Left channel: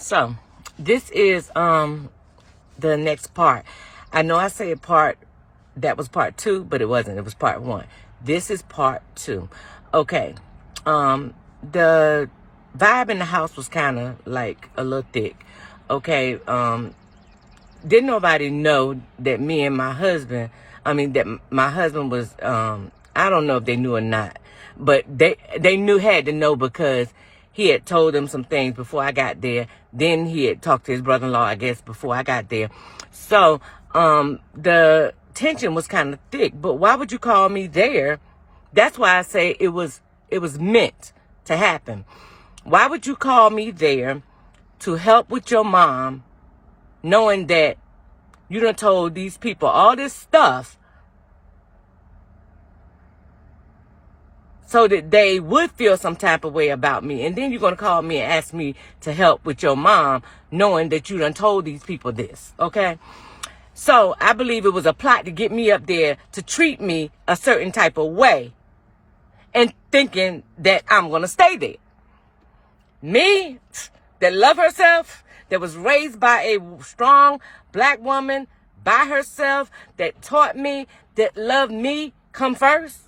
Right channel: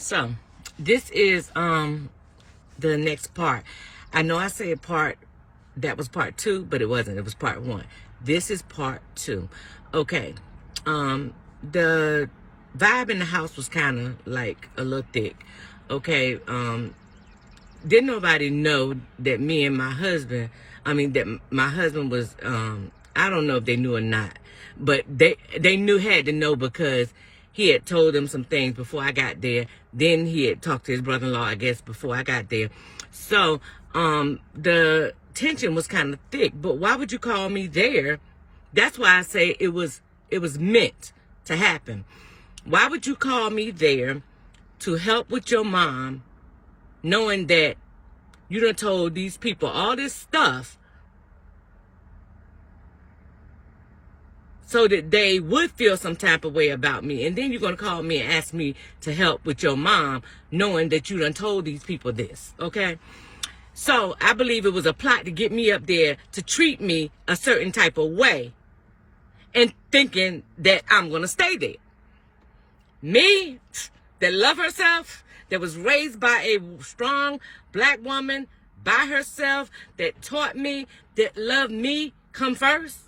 So this is the next part. I know I said that was part 2, but it wasn't. It was part 1. This is part 2. Okay. The vibe in the house was kind of like a little thick. Okay. Didn't nobody know that me and my husband, that my husband was, I don't know if they knew or not, but they had to know because he had told them some things before I got there. Then he had talked to his brother-in-law, I guess, before I got there. So, the tension was kind of thick, but why would you call me there? That's why I say it was meant to happen. Why would you call me there to help with your mom, knowing that you done told these people all this stuff so that they would feel some type of way about me? And then you're going to call me and ask me to help with your mom, knowing that you done told these people this, okay? So I believe it was a plot to get me up there to treat me a certain type of way and thinking that I'm going to stay there. Me, that love herself, that was raised by a strong black woman by herself, that taught me that love me come first.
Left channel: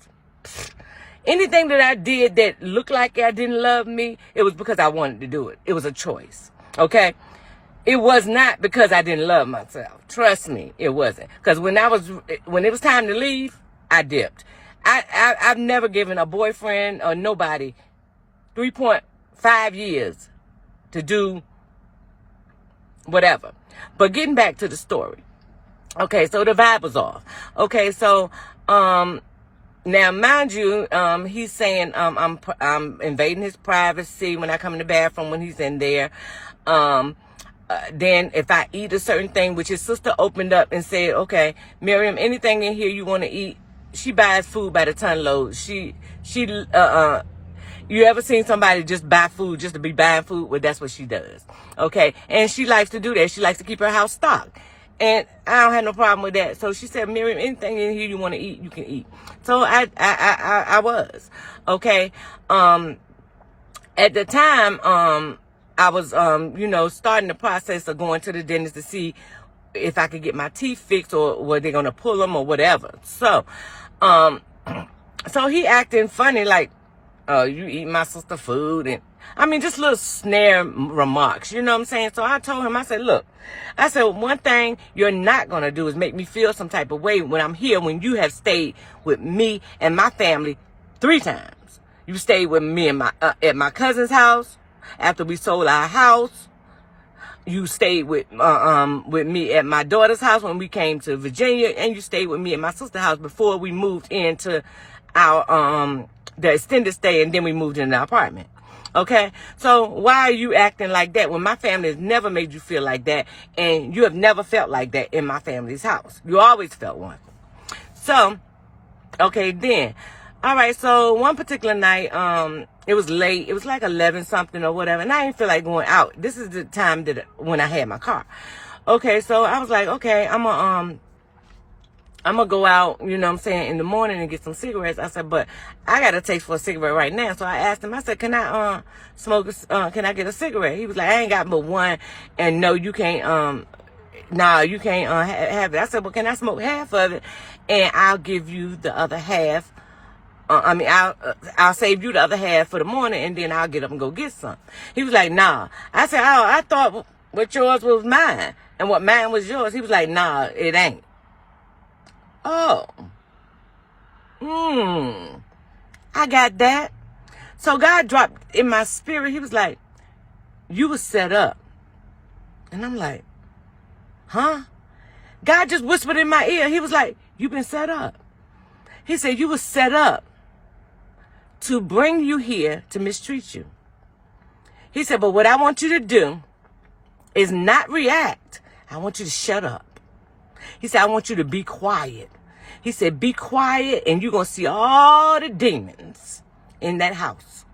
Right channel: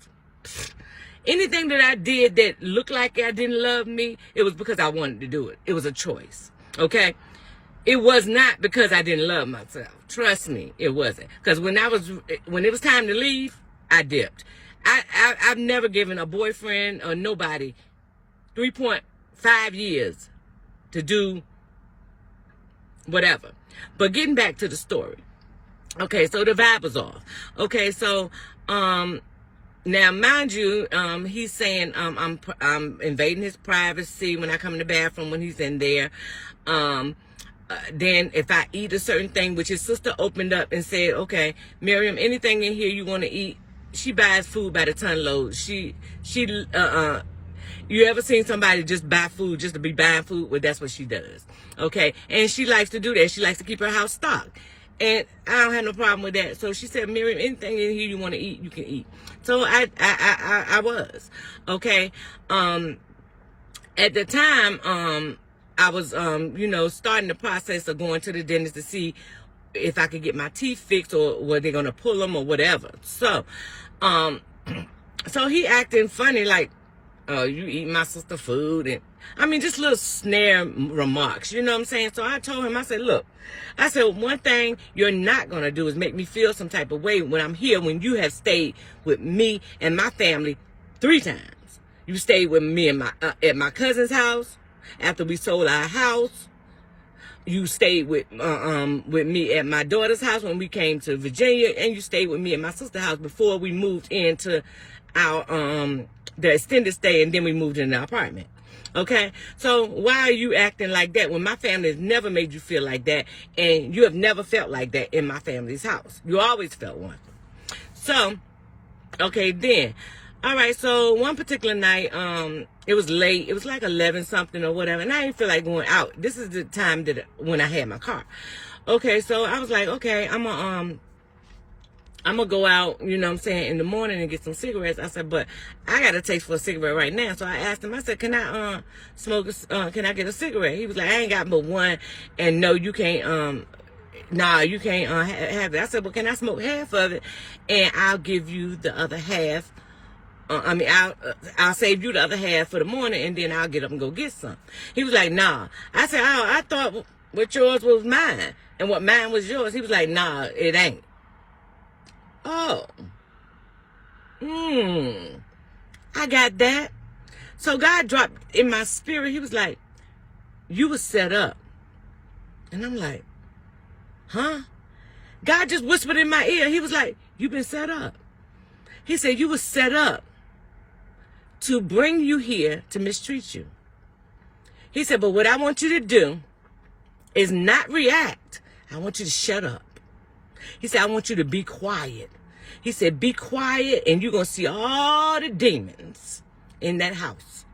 Anything that I did that looked like I didn't love me, it was because I wanted to do it. It was a choice, okay? It was not because I didn't love myself. Trust me, it wasn't. Because when it was time to leave, I dipped. I've never given a boyfriend or nobody 3.5 years to do whatever. But getting back to the story. Okay, so the vibe was off. Okay, so now mind you, he's saying I'm invading his privacy when I come in the bathroom when he's in there. Then if I eat a certain thing, which his sister opened up and said, okay, Miriam, anything in here you want to eat, she buys food by the ton load. You ever seen somebody just buy food just to be buying food? Well, that's what she does. Okay. And she likes to do that. She likes to keep her house stocked. And I don't have no problem with that. So she said, Miriam, anything in here you want to eat, you can eat. So I was. Okay. At the time, I was, starting the process of going to the dentist to see if I could get my teeth fixed or were they going to pull them or whatever. So, so he acting funny like, you eat my sister food, and just little snare remarks, you know what I'm saying? So I told him, I said, look, one thing you're not going to do is make me feel some type of way when I'm here, when you have stayed with me and my family 3 times. You stayed with me and at my cousin's house after we sold our house. You stayed with me at my daughter's house when we came to Virginia, and you stayed with me at my sister's house before we moved into our the extended stay, and then we moved into our apartment. Okay, so why are you acting like that when my family has never made you feel like that, and you have never felt like that in my family's house? You always felt one. So, okay, then, all right. So one particular night, it was late. It was like 11 something or whatever, and I didn't feel like going out. This is the time when I had my car. Okay, so I was like, okay, I'm gonna go out, you know what I'm saying, in the morning and get some cigarettes. I said, but I got a taste for a cigarette right now. So I asked him, I said, can I can I get a cigarette? He was like, I ain't got but one. And no, you can't, you can't have it. I said, well, can I smoke half of it? And I'll give you the other half. I'll save you the other half for the morning, and then I'll get up and go get some. He was like, nah. I said, oh, I thought what yours was mine and what mine was yours. He was like, nah, it ain't. Oh, I got that. So God dropped in my spirit. He was like, you was set up. And I'm like, huh? God just whispered in my ear. He was like, you've been set up. He said, you was set up to bring you here to mistreat you. He said, but what I want you to do is not react. I want you to shut up. He said, I want you to be quiet. He said, be quiet, and you're going to see all the demons in that house.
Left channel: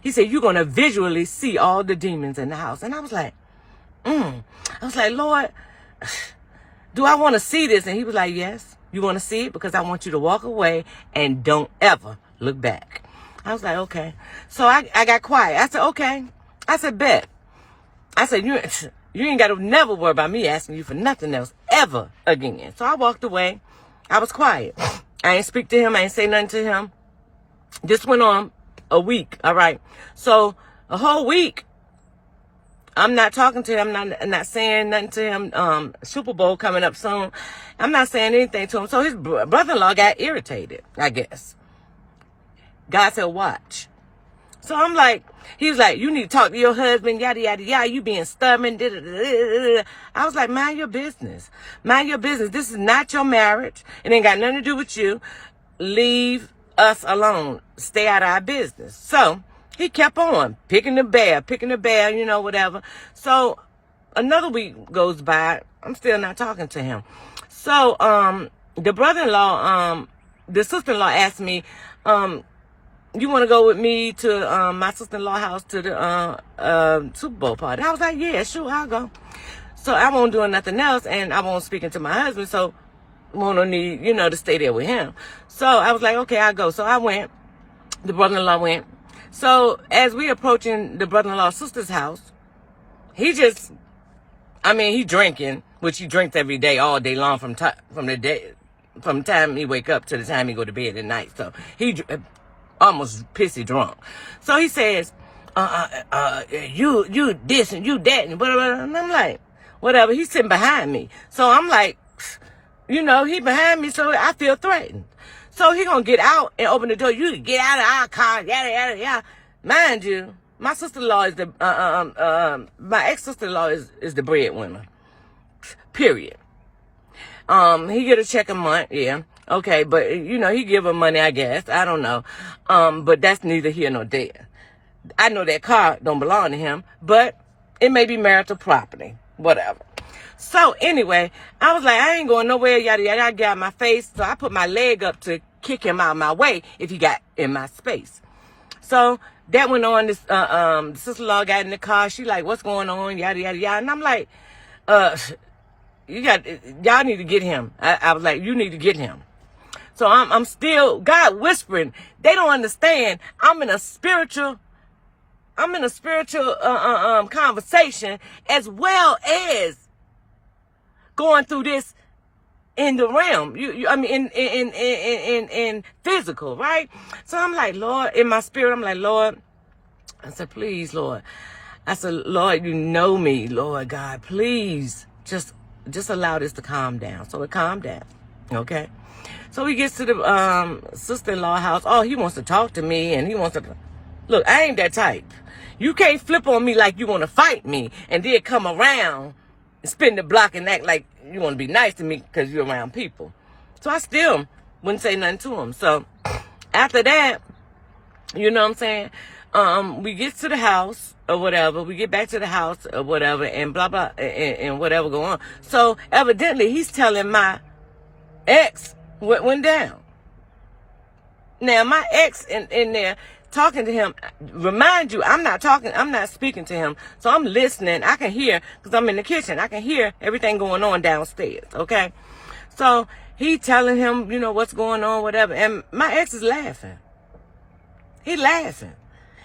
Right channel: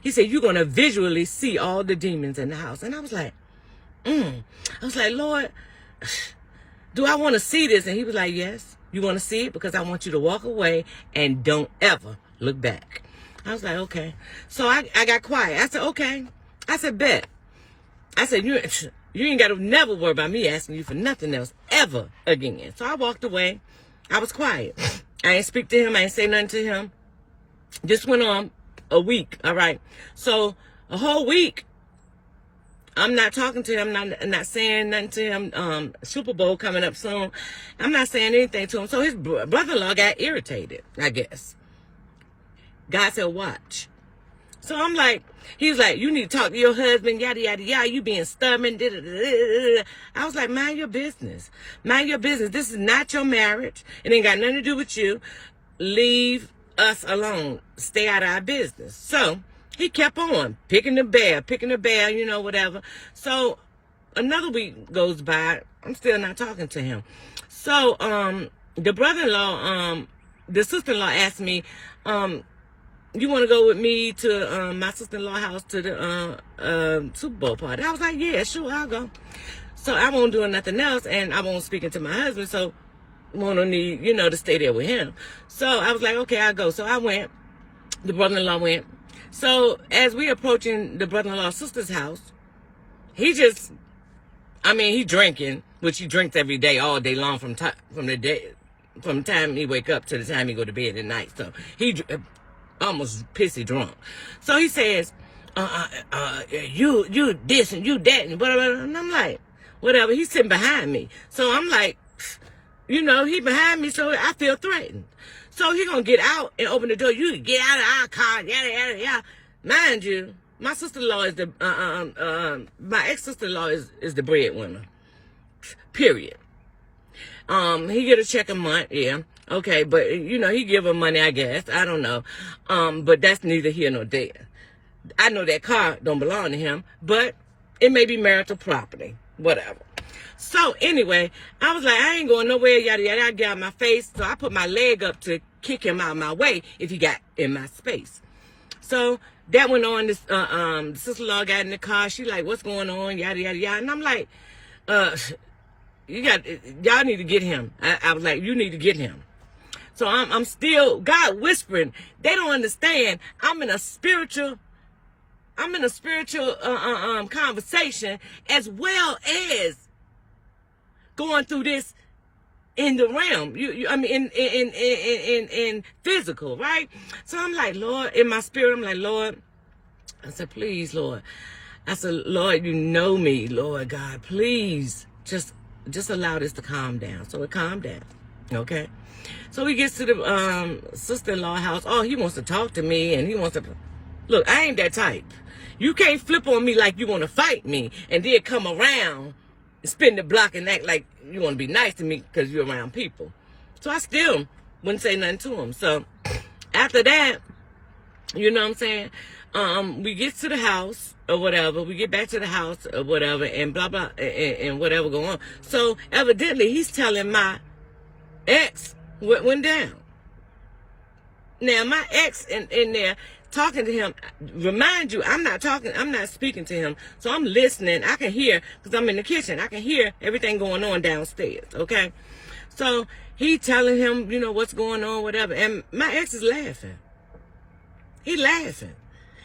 He said, you're going to visually see all the demons in the house. And I was like, I was like, Lord, do I want to see this? And he was like, yes, you want to see it because I want you to walk away and don't ever look back. I was like, okay. So I got quiet. I said, okay. I said, bet. I said, you ain't got to never worry about me asking you for nothing else ever again. So I walked away. I was quiet. I ain't speak to him. I ain't say nothing to him. This went on a week. All right. So a whole week, I'm not talking to him. I'm not saying nothing to him. Super Bowl coming up soon. I'm not saying anything to him. So his brother-in-law got irritated, I guess. God said, watch. So I'm like, he's like, you need to talk to your husband, yada, yada, yada. You being stubborn. Da, da, da, da, da. I was like, mind your business. Mind your business. This is not your marriage. It ain't got nothing to do with you. Leave us alone. Stay out of our business. So he kept on picking the bear, you know, whatever. So another week goes by. I'm still not talking to him. So the brother-in-law, the sister-in-law asked me, you want to go with me to my sister-in-law house to the Super Bowl party? I was like, yeah, sure, I'll go. So I won't do nothing else, and I won't speak to my husband, so won't need, you know, to stay there with him. So I was like, okay, I'll go. So I went. The brother-in-law went. So as we approaching the brother-in-law's sister's house, he drinking, which he drinks every day, all day long from the time he wake up to the time he go to bed at night. So he almost pissy drunk. So he says, you this and you that and whatever. And I'm like, whatever. He's sitting behind me. So I'm like, you know, he behind me, so I feel threatened. So he gonna get out and open the door. You get out of our car, yada, yada, yada. Mind you, my sister-in-law is my ex-sister-in-law is the breadwinner. Period. He get a check a month, yeah. Okay, but, you know, he give her money, I guess. I don't know. But that's neither here nor there. I know that car don't belong to him, but it may be marital property. Whatever. So, anyway, I was like, I ain't going nowhere, yada, yada. I got my face, so I put my leg up to kick him out of my way if he got in my space. So, that went on. This sister-in-law got in the car. She like, what's going on, yada, yada, yada. And I'm like, y'all need to get him. I was like, you need to get him. So I'm still, God whispering. They don't understand. I'm in a spiritual conversation as well as going through this in the realm. In physical, right? So I'm like, Lord, in my spirit, I'm like, Lord. I said, please, Lord. I said, Lord, you know me, Lord God, please just allow this to calm down. So it calmed down. Okay. So he gets to the sister-in-law house. Oh, he wants to talk to me, and he wants to look. I ain't that type. You can't flip on me like you want to fight me, and then come around and spin the block and act like you want to be nice to me because you're around people. So I still wouldn't say nothing to him. So after that, you know what I'm saying? We get to the house or whatever. We get back to the house or whatever, and blah blah and whatever go on. So evidently he's telling my ex what went down. Now my ex in there talking to him. Remind you, I'm not speaking to him. So I'm listening. I can hear because I'm in the kitchen. I can hear everything going on downstairs. Okay, so he telling him, you know, what's going on, whatever, and my ex is laughing. He laughing.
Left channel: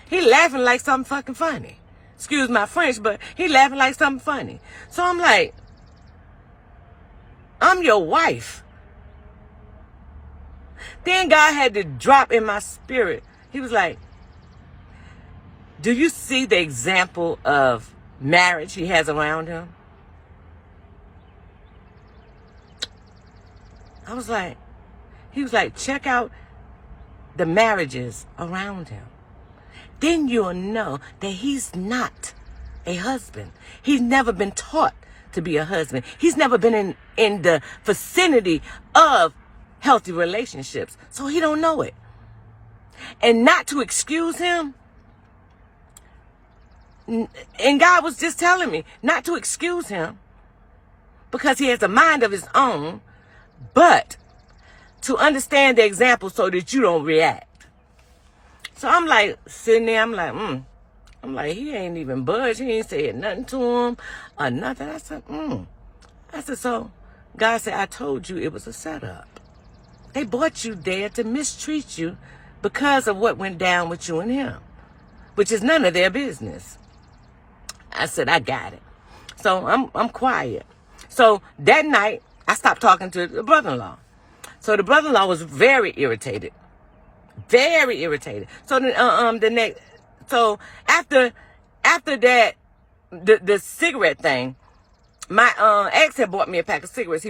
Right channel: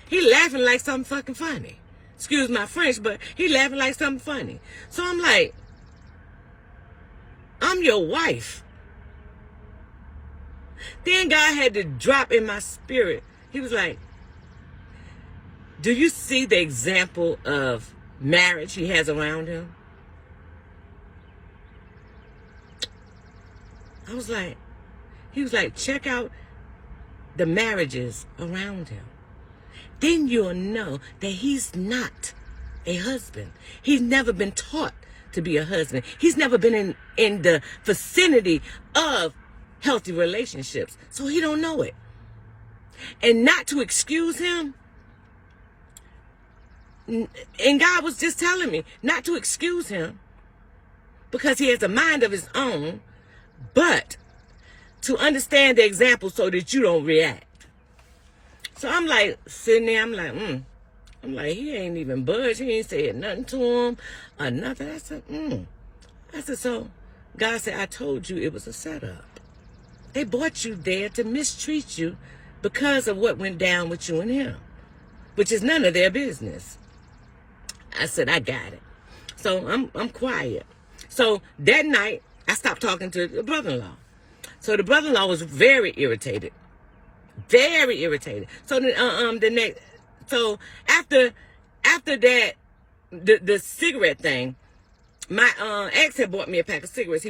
He laughing like something fucking funny. Excuse my French, but he laughing like something funny. So I'm like, I'm your wife. Then God had to drop in my spirit. He was like, do you see the example of marriage he has around him? I was like, he was like, check out the marriages around him. Then you'll know that he's not a husband. He's never been taught to be a husband. He's never been in the vicinity of healthy relationships. So he don't know it. And not to excuse him, and God was just telling me not to excuse him because he has a mind of his own, but to understand the example so that you don't react. So I'm like, sitting there, I'm like, he ain't even budged. He ain't said nothing to him or nothing. I said, so God said, I told you it was a setup. They brought you there to mistreat you because of what went down with you and him, which is none of their business. I said, I got it. So I'm quiet. So that night, I stopped talking to the brother-in-law. So the brother-in-law was very irritated. Very irritated. So the next, so after that, the cigarette thing, my ex had bought me a pack of cigarettes.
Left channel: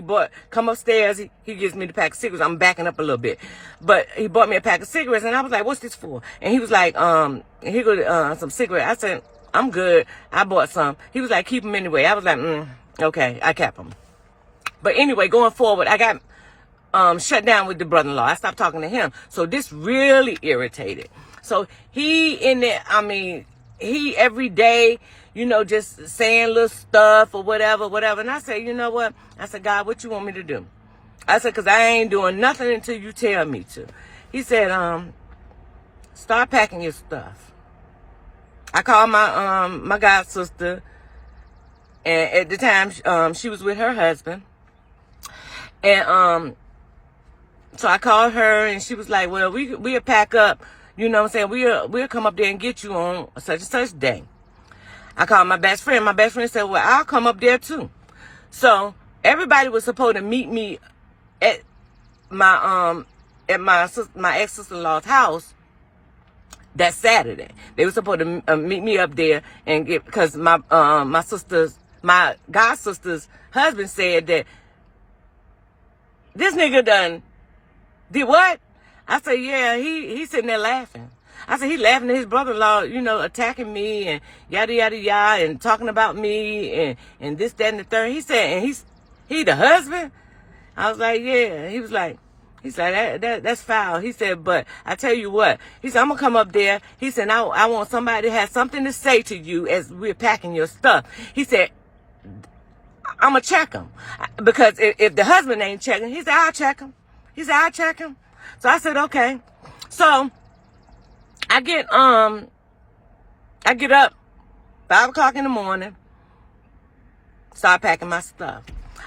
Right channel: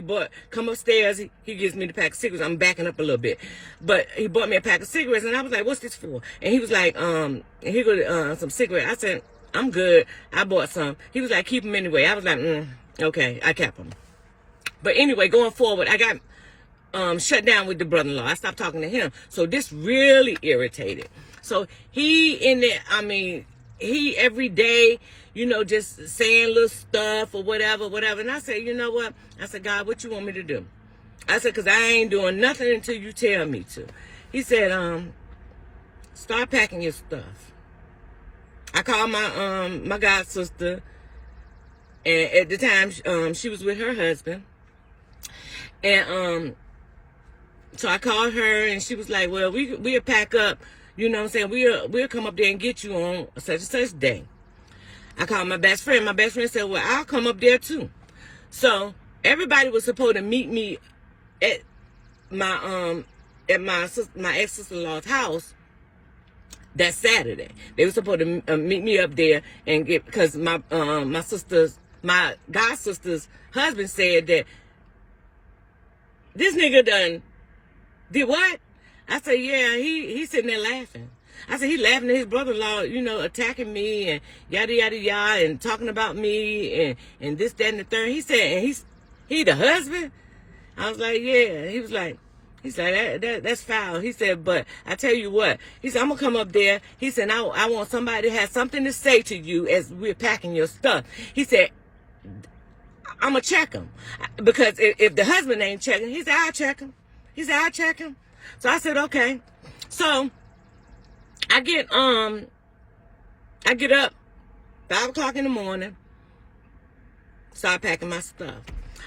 Come upstairs, he gives me the pack of cigarettes. I'm backing up a little bit. But he bought me a pack of cigarettes, and I was like, what's this for? And he was like, here go some cigarettes. I said, I'm good. I bought some. He was like, keep them anyway. I was like, okay, I kept them. But anyway, going forward, I got shut down with the brother-in-law. I stopped talking to him. So this really irritated. So he in there, he every day, just saying little stuff or whatever. And I said, you know what? I said, God, what you want me to do? I said, because I ain't doing nothing until you tell me to. He said, start packing your stuff. I called my god sister, and at the time she was with her husband, and so I called her, and she was like, well, we'll pack up, you know what I'm saying, we'll come up there and get you on such and such day. I called my best friend. My best friend said, well, I'll come up there too. So everybody was supposed to meet me at my ex-sister-in-law's house that Saturday. They were supposed to meet me up there and because my god sister's husband said that this nigga did what? I said, yeah, he's sitting there laughing. I said, he laughing at his brother-in-law, attacking me and yada, yada, yada, and talking about me and this, that, and the third. He said, and he the husband? I was like, yeah. He said, that's foul. He said, but I tell you what. He said, I'm going to come up there. He said, I want somebody to have something to say to you as we're packing your stuff. He said, I'm going to check him. Because if the husband ain't checking, he said, I'll check him. He said, I'll check him. So I said, okay. So I get up 5 o'clock in the morning, start packing my stuff.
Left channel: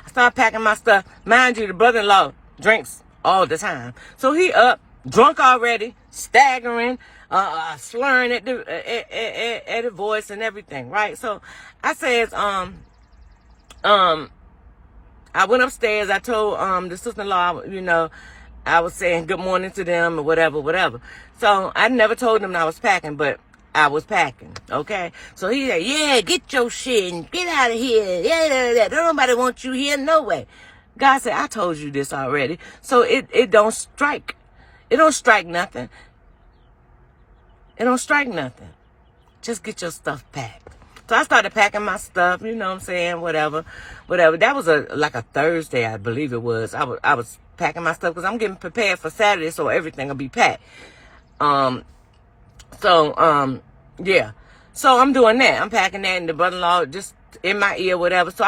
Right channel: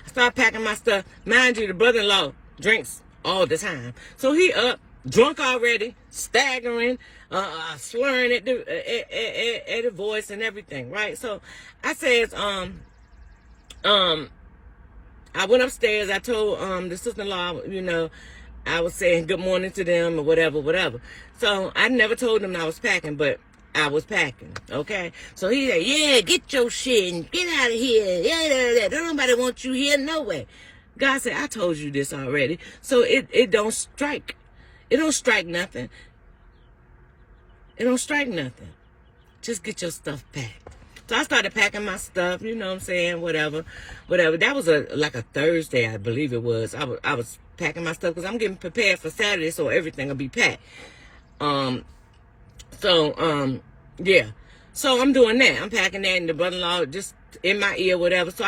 I start packing my stuff. Mind you, the brother-in-law drinks all the time. So he up, drunk already, staggering, slurring at the voice and everything, right? So I says, I went upstairs. I told the sister-in-law, I was saying good morning to them or whatever. So I never told them I was packing, but I was packing, okay? So he said, yeah, get your shit and get out of here. Yeah. Don't nobody want you here, no way. God said, I told you this already. So it don't strike. It don't strike nothing. It don't strike nothing. Just get your stuff packed. So I started packing my stuff, you know what I'm saying, whatever. That was like a Thursday, I believe it was. I was packing my stuff because I'm getting prepared for Saturday, so everything will be packed. Yeah. So I'm doing that. I'm packing that, and the brother-in-law just in my ear, whatever. So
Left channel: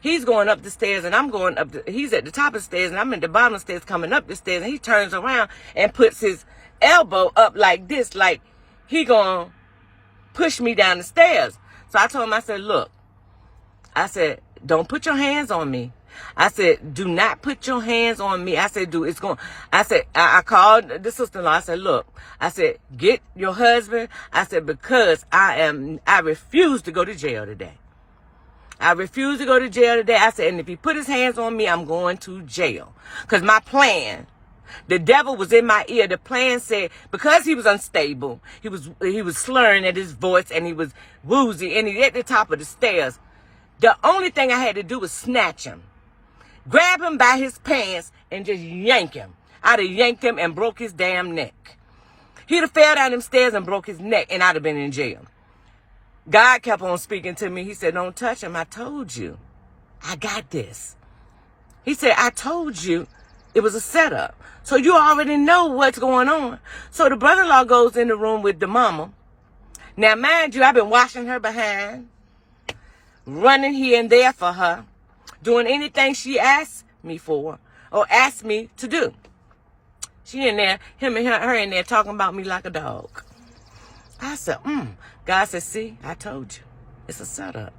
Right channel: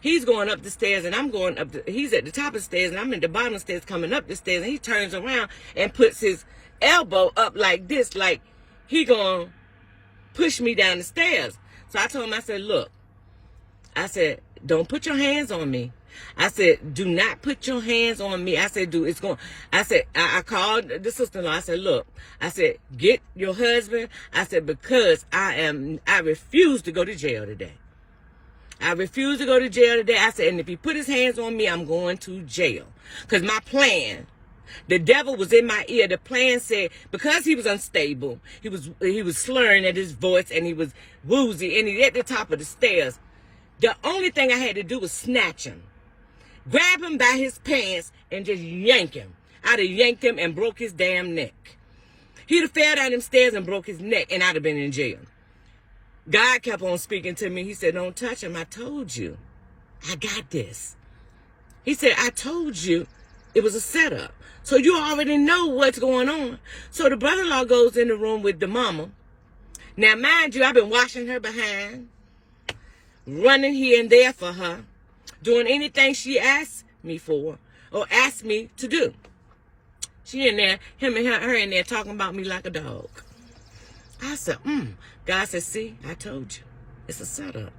he's going up the stairs, and I'm going up. He's at the top of the stairs, and I'm at the bottom of the stairs coming up the stairs, and he turns around and puts his elbow up like this, like he gonna push me down the stairs. So I told him, I said, look, I said, don't put your hands on me. I said, do not put your hands on me. I said, I called the sister-in-law. I said, look, I said, get your husband. I said, because I refuse to go to jail today. I refuse to go to jail today. I said, and if he put his hands on me, I'm going to jail. Because my plan, the devil was in my ear. The plan said, because he was unstable, he was slurring at his voice, and he was woozy, and he at the top of the stairs. The only thing I had to do was snatch him, grab him by his pants, and just yank him. I'd have yanked him and broke his damn neck. He'd have fell down them stairs and broke his neck, and I'd have been in jail. God kept on speaking to me. He said, don't touch him. I told you. I got this. He said, I told you it was a setup. So you already know what's going on. So the brother-in-law goes in the room with the mama. Now, mind you, I've been washing her behind, running here and there for her, doing anything she asked me for or asked me to do. She in there, her in there talking about me like a dog. I said, God said, see, I told you. It's a setup.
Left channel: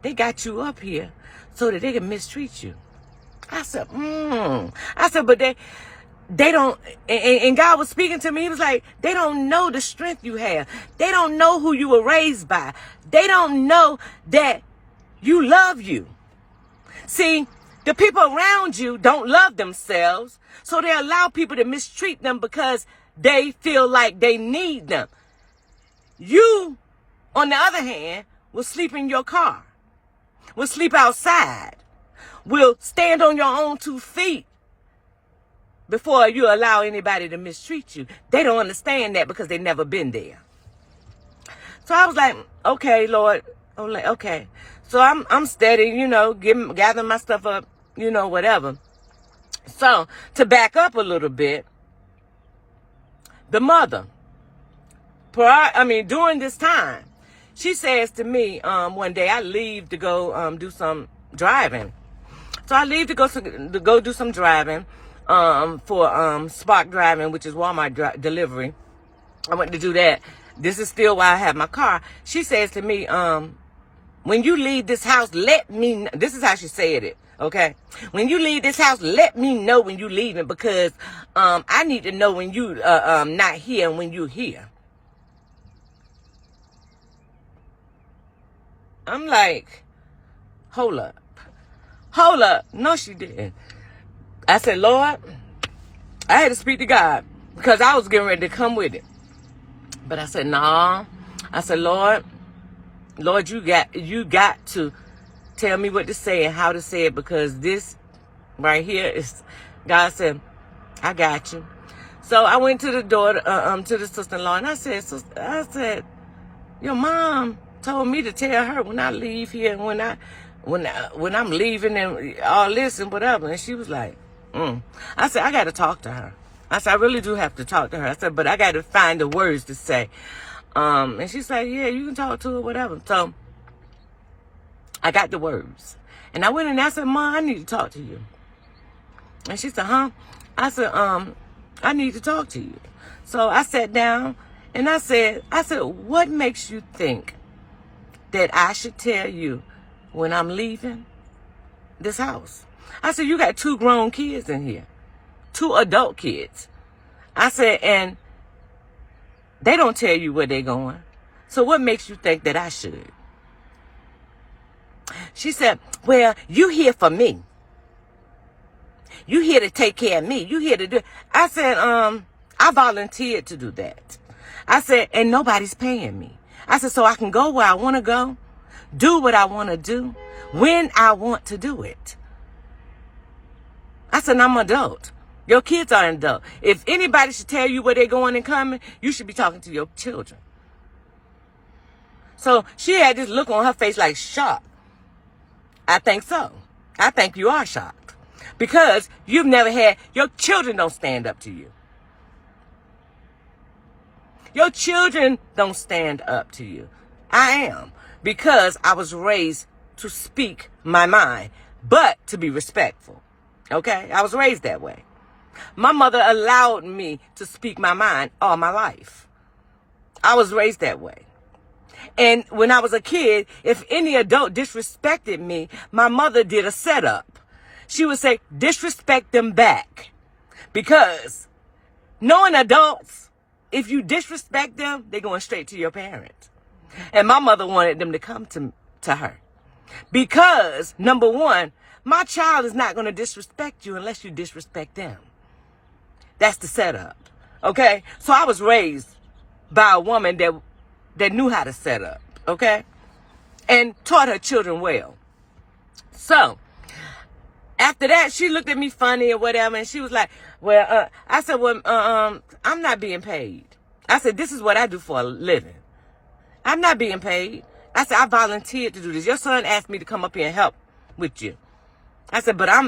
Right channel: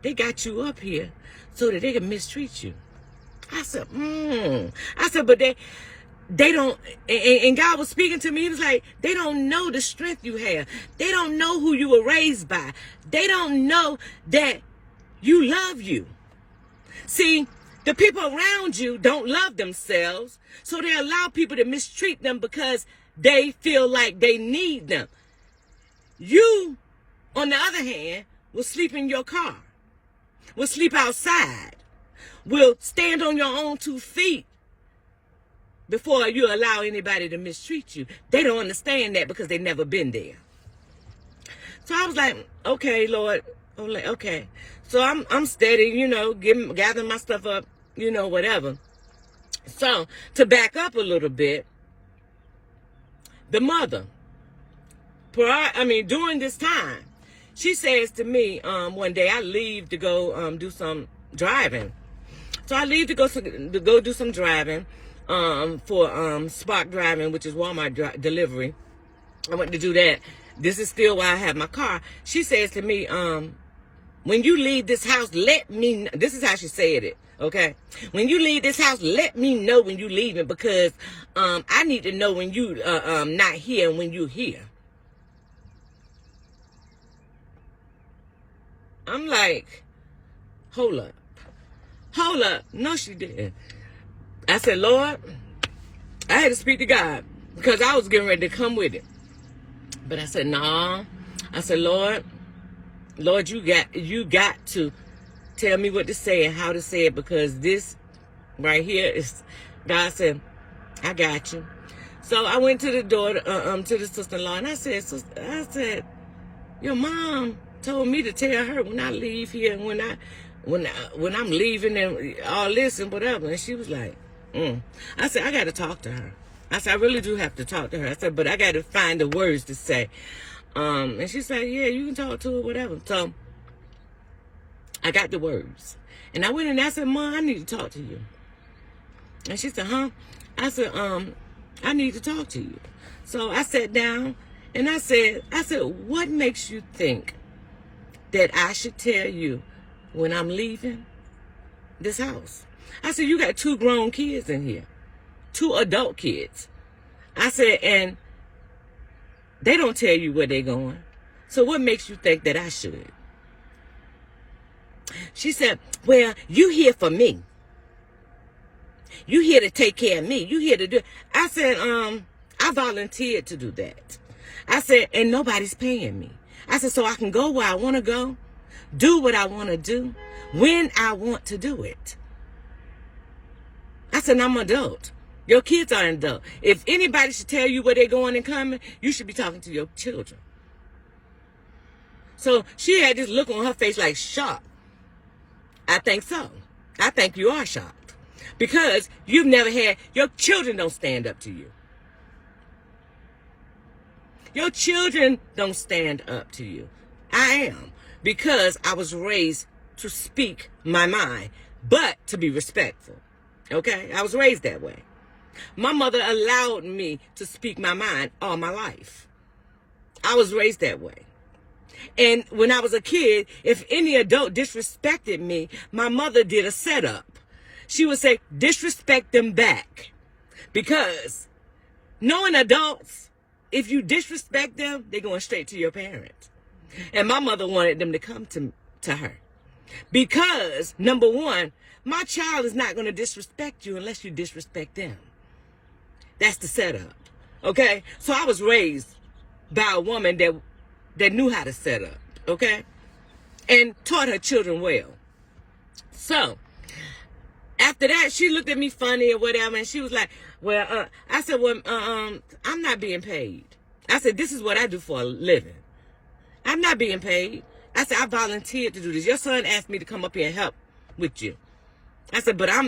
They got you up here so that they can mistreat you. I said, I said, but they don't, and God was speaking to me. He was like, they don't know the strength you have. They don't know who you were raised by. They don't know that you love you. See, the people around you don't love themselves, so they allow people to mistreat them because they feel like they need them. You, on the other hand, will sleep in your car, will sleep outside, will stand on your own 2 feet before you allow anybody to mistreat you. They don't understand that because they've never been there. So I was like, okay, Lord, I'm like, okay. So I'm steady, you know, gathering my stuff up, you know, whatever. So to back up a little bit, the mother, during this time, she says to me, one day I leave to go do some driving. So I leave to go do some driving for Spark Driving, which is Walmart delivery. I went to do that. This is still why I have my car. She says to me, when you leave this house, let me know. This is how she said it, okay? When you leave this house, let me know when you leaving, because I need to know when you not here and when you here. I'm like, hold up. No, she didn't. I said, Lord, I had to speak to God because I was getting ready to come with it. But I said, nah. I said, Lord, you got to tell me what to say and how to say it, because this right here is, God said, I got you. So I went to the door, to the sister-in-law, and I said, your mom told me to tell her when I leave here and when I'm leaving and all this and whatever. And she was like, I said, I got to talk to her. I said, I really do have to talk to her. I said, but I got to find the words to say. And she said, yeah, you can talk to her, whatever. So I got the words. And I went in and I said, Mom, I need to talk to you. And she said, huh? I said, I need to talk to you. So I sat down and I said, what makes you think that I should tell you when I'm leaving this house? I said, you got 2 grown kids in here, 2 adult kids. I said, and they don't tell you where they're going. So what makes you think that I should? She said, well, you here for me. You here to take care of me. You here to do. I said, I volunteered to do that. I said, and nobody's paying me. I said, so I can go where I want to go, do what I want to do, when I want to do it. I said, I'm an adult. Your kids are an adult. If anybody should tell you where they're going and coming, you should be talking to your children. So she had this look on her face like shock. I think so. I think you are shocked. Because you've never had, your children don't stand up to you. Your children don't stand up to you. I am. Because I was raised to speak my mind, but to be respectful. Okay? I was raised that way. My mother allowed me to speak my mind all my life. I was raised that way. And when I was a kid, if any adult disrespected me, my mother did a setup. She would say, disrespect them back. Because knowing adults, if you disrespect them, they're going straight to your parents. And my mother wanted them to come to her. Because, number one, my child is not going to disrespect you unless you disrespect them. That's the setup. Okay? So I was raised by a woman that knew how to set up. Okay? And taught her children well. So, after that, she looked at me funny or whatever, and she was like, well, I said, well, I'm not being paid. I said, this is what I do for a living. I'm not being paid. I said, I volunteered to do this. Your son asked me to come up here and help with you. I said, but I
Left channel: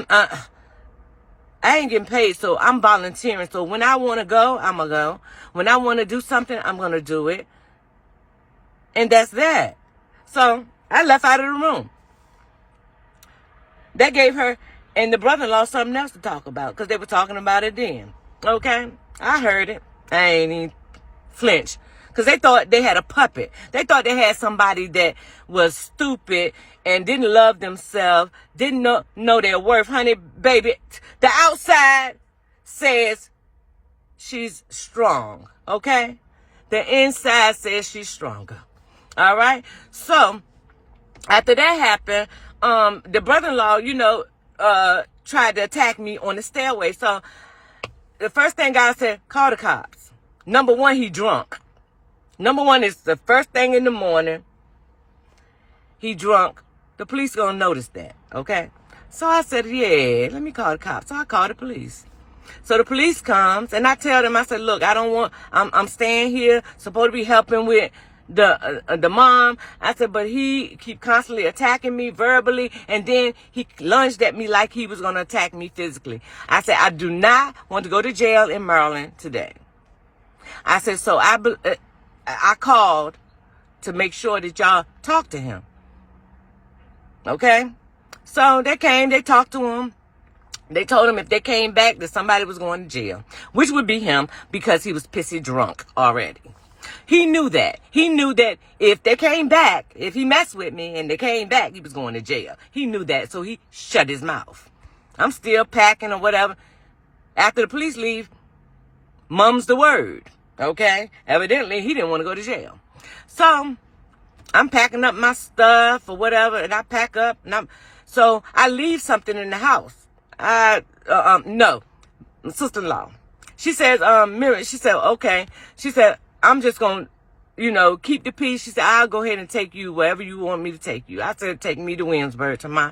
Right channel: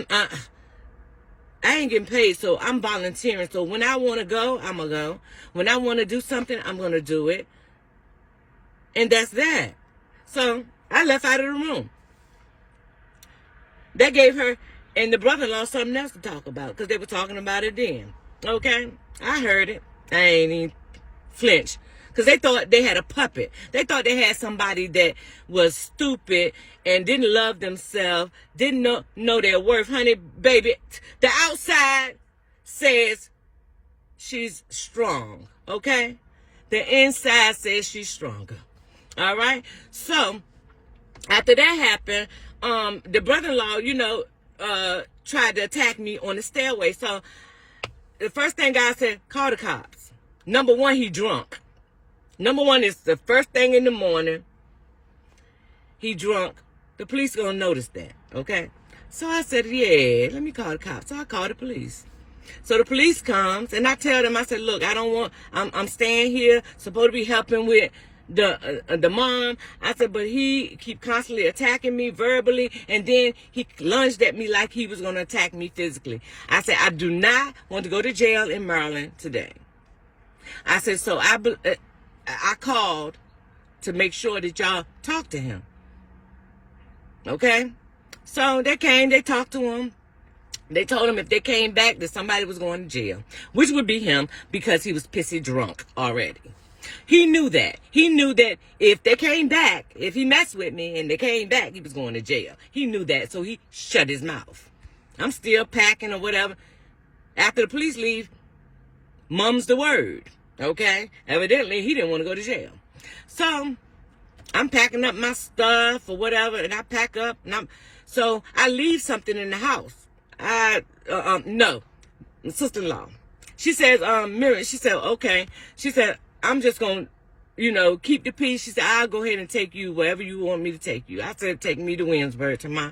ain't getting paid, so I'm volunteering. So when I want to go, I'm going to go. When I want to do something, I'm going to do it. And that's that. So I left out of the room. That gave her and the brother-in-law something else to talk about, because they were talking about it then. Okay? I heard it. I ain't even flinch. Because they thought they had a puppet. They thought they had somebody that was stupid and didn't love themselves, didn't know their worth. Honey, baby, the outside says she's strong, okay? The inside says she's stronger, all right? So, after that happened, the brother-in-law, tried to attack me on the stairway. So, the first thing God said, call the cops. Number one, he drunk. Number one is the first thing in the morning, he drunk. The police gonna notice that, okay? So I said, yeah, let me call the cops. So I called the police. So the police comes, and I tell them, I said, look, I'm staying here, supposed to be helping with the mom. I said, but he keep constantly attacking me verbally, and then he lunged at me like he was going to attack me physically. I said, I do not want to go to jail in Maryland today. I said, so I called to make sure that y'all talk to him. Okay? So they came, they talked to him. They told him if they came back that somebody was going to jail, which would be him because he was pissy drunk already. He knew that. He knew that if they came back, if he messed with me and they came back, he was going to jail. He knew that, so he shut his mouth. I'm still packing or whatever. After the police leave, mum's the word, okay? Evidently, he didn't want to go to jail. So, I'm packing up my stuff or whatever, and I pack up, so I leave something in the house. No, my sister-in-law. She says, Miriam, she said, okay. She said, I'm just going to, keep the peace. She said, I'll go ahead and take you wherever you want me to take you. I said, take me to Williamsburg, to my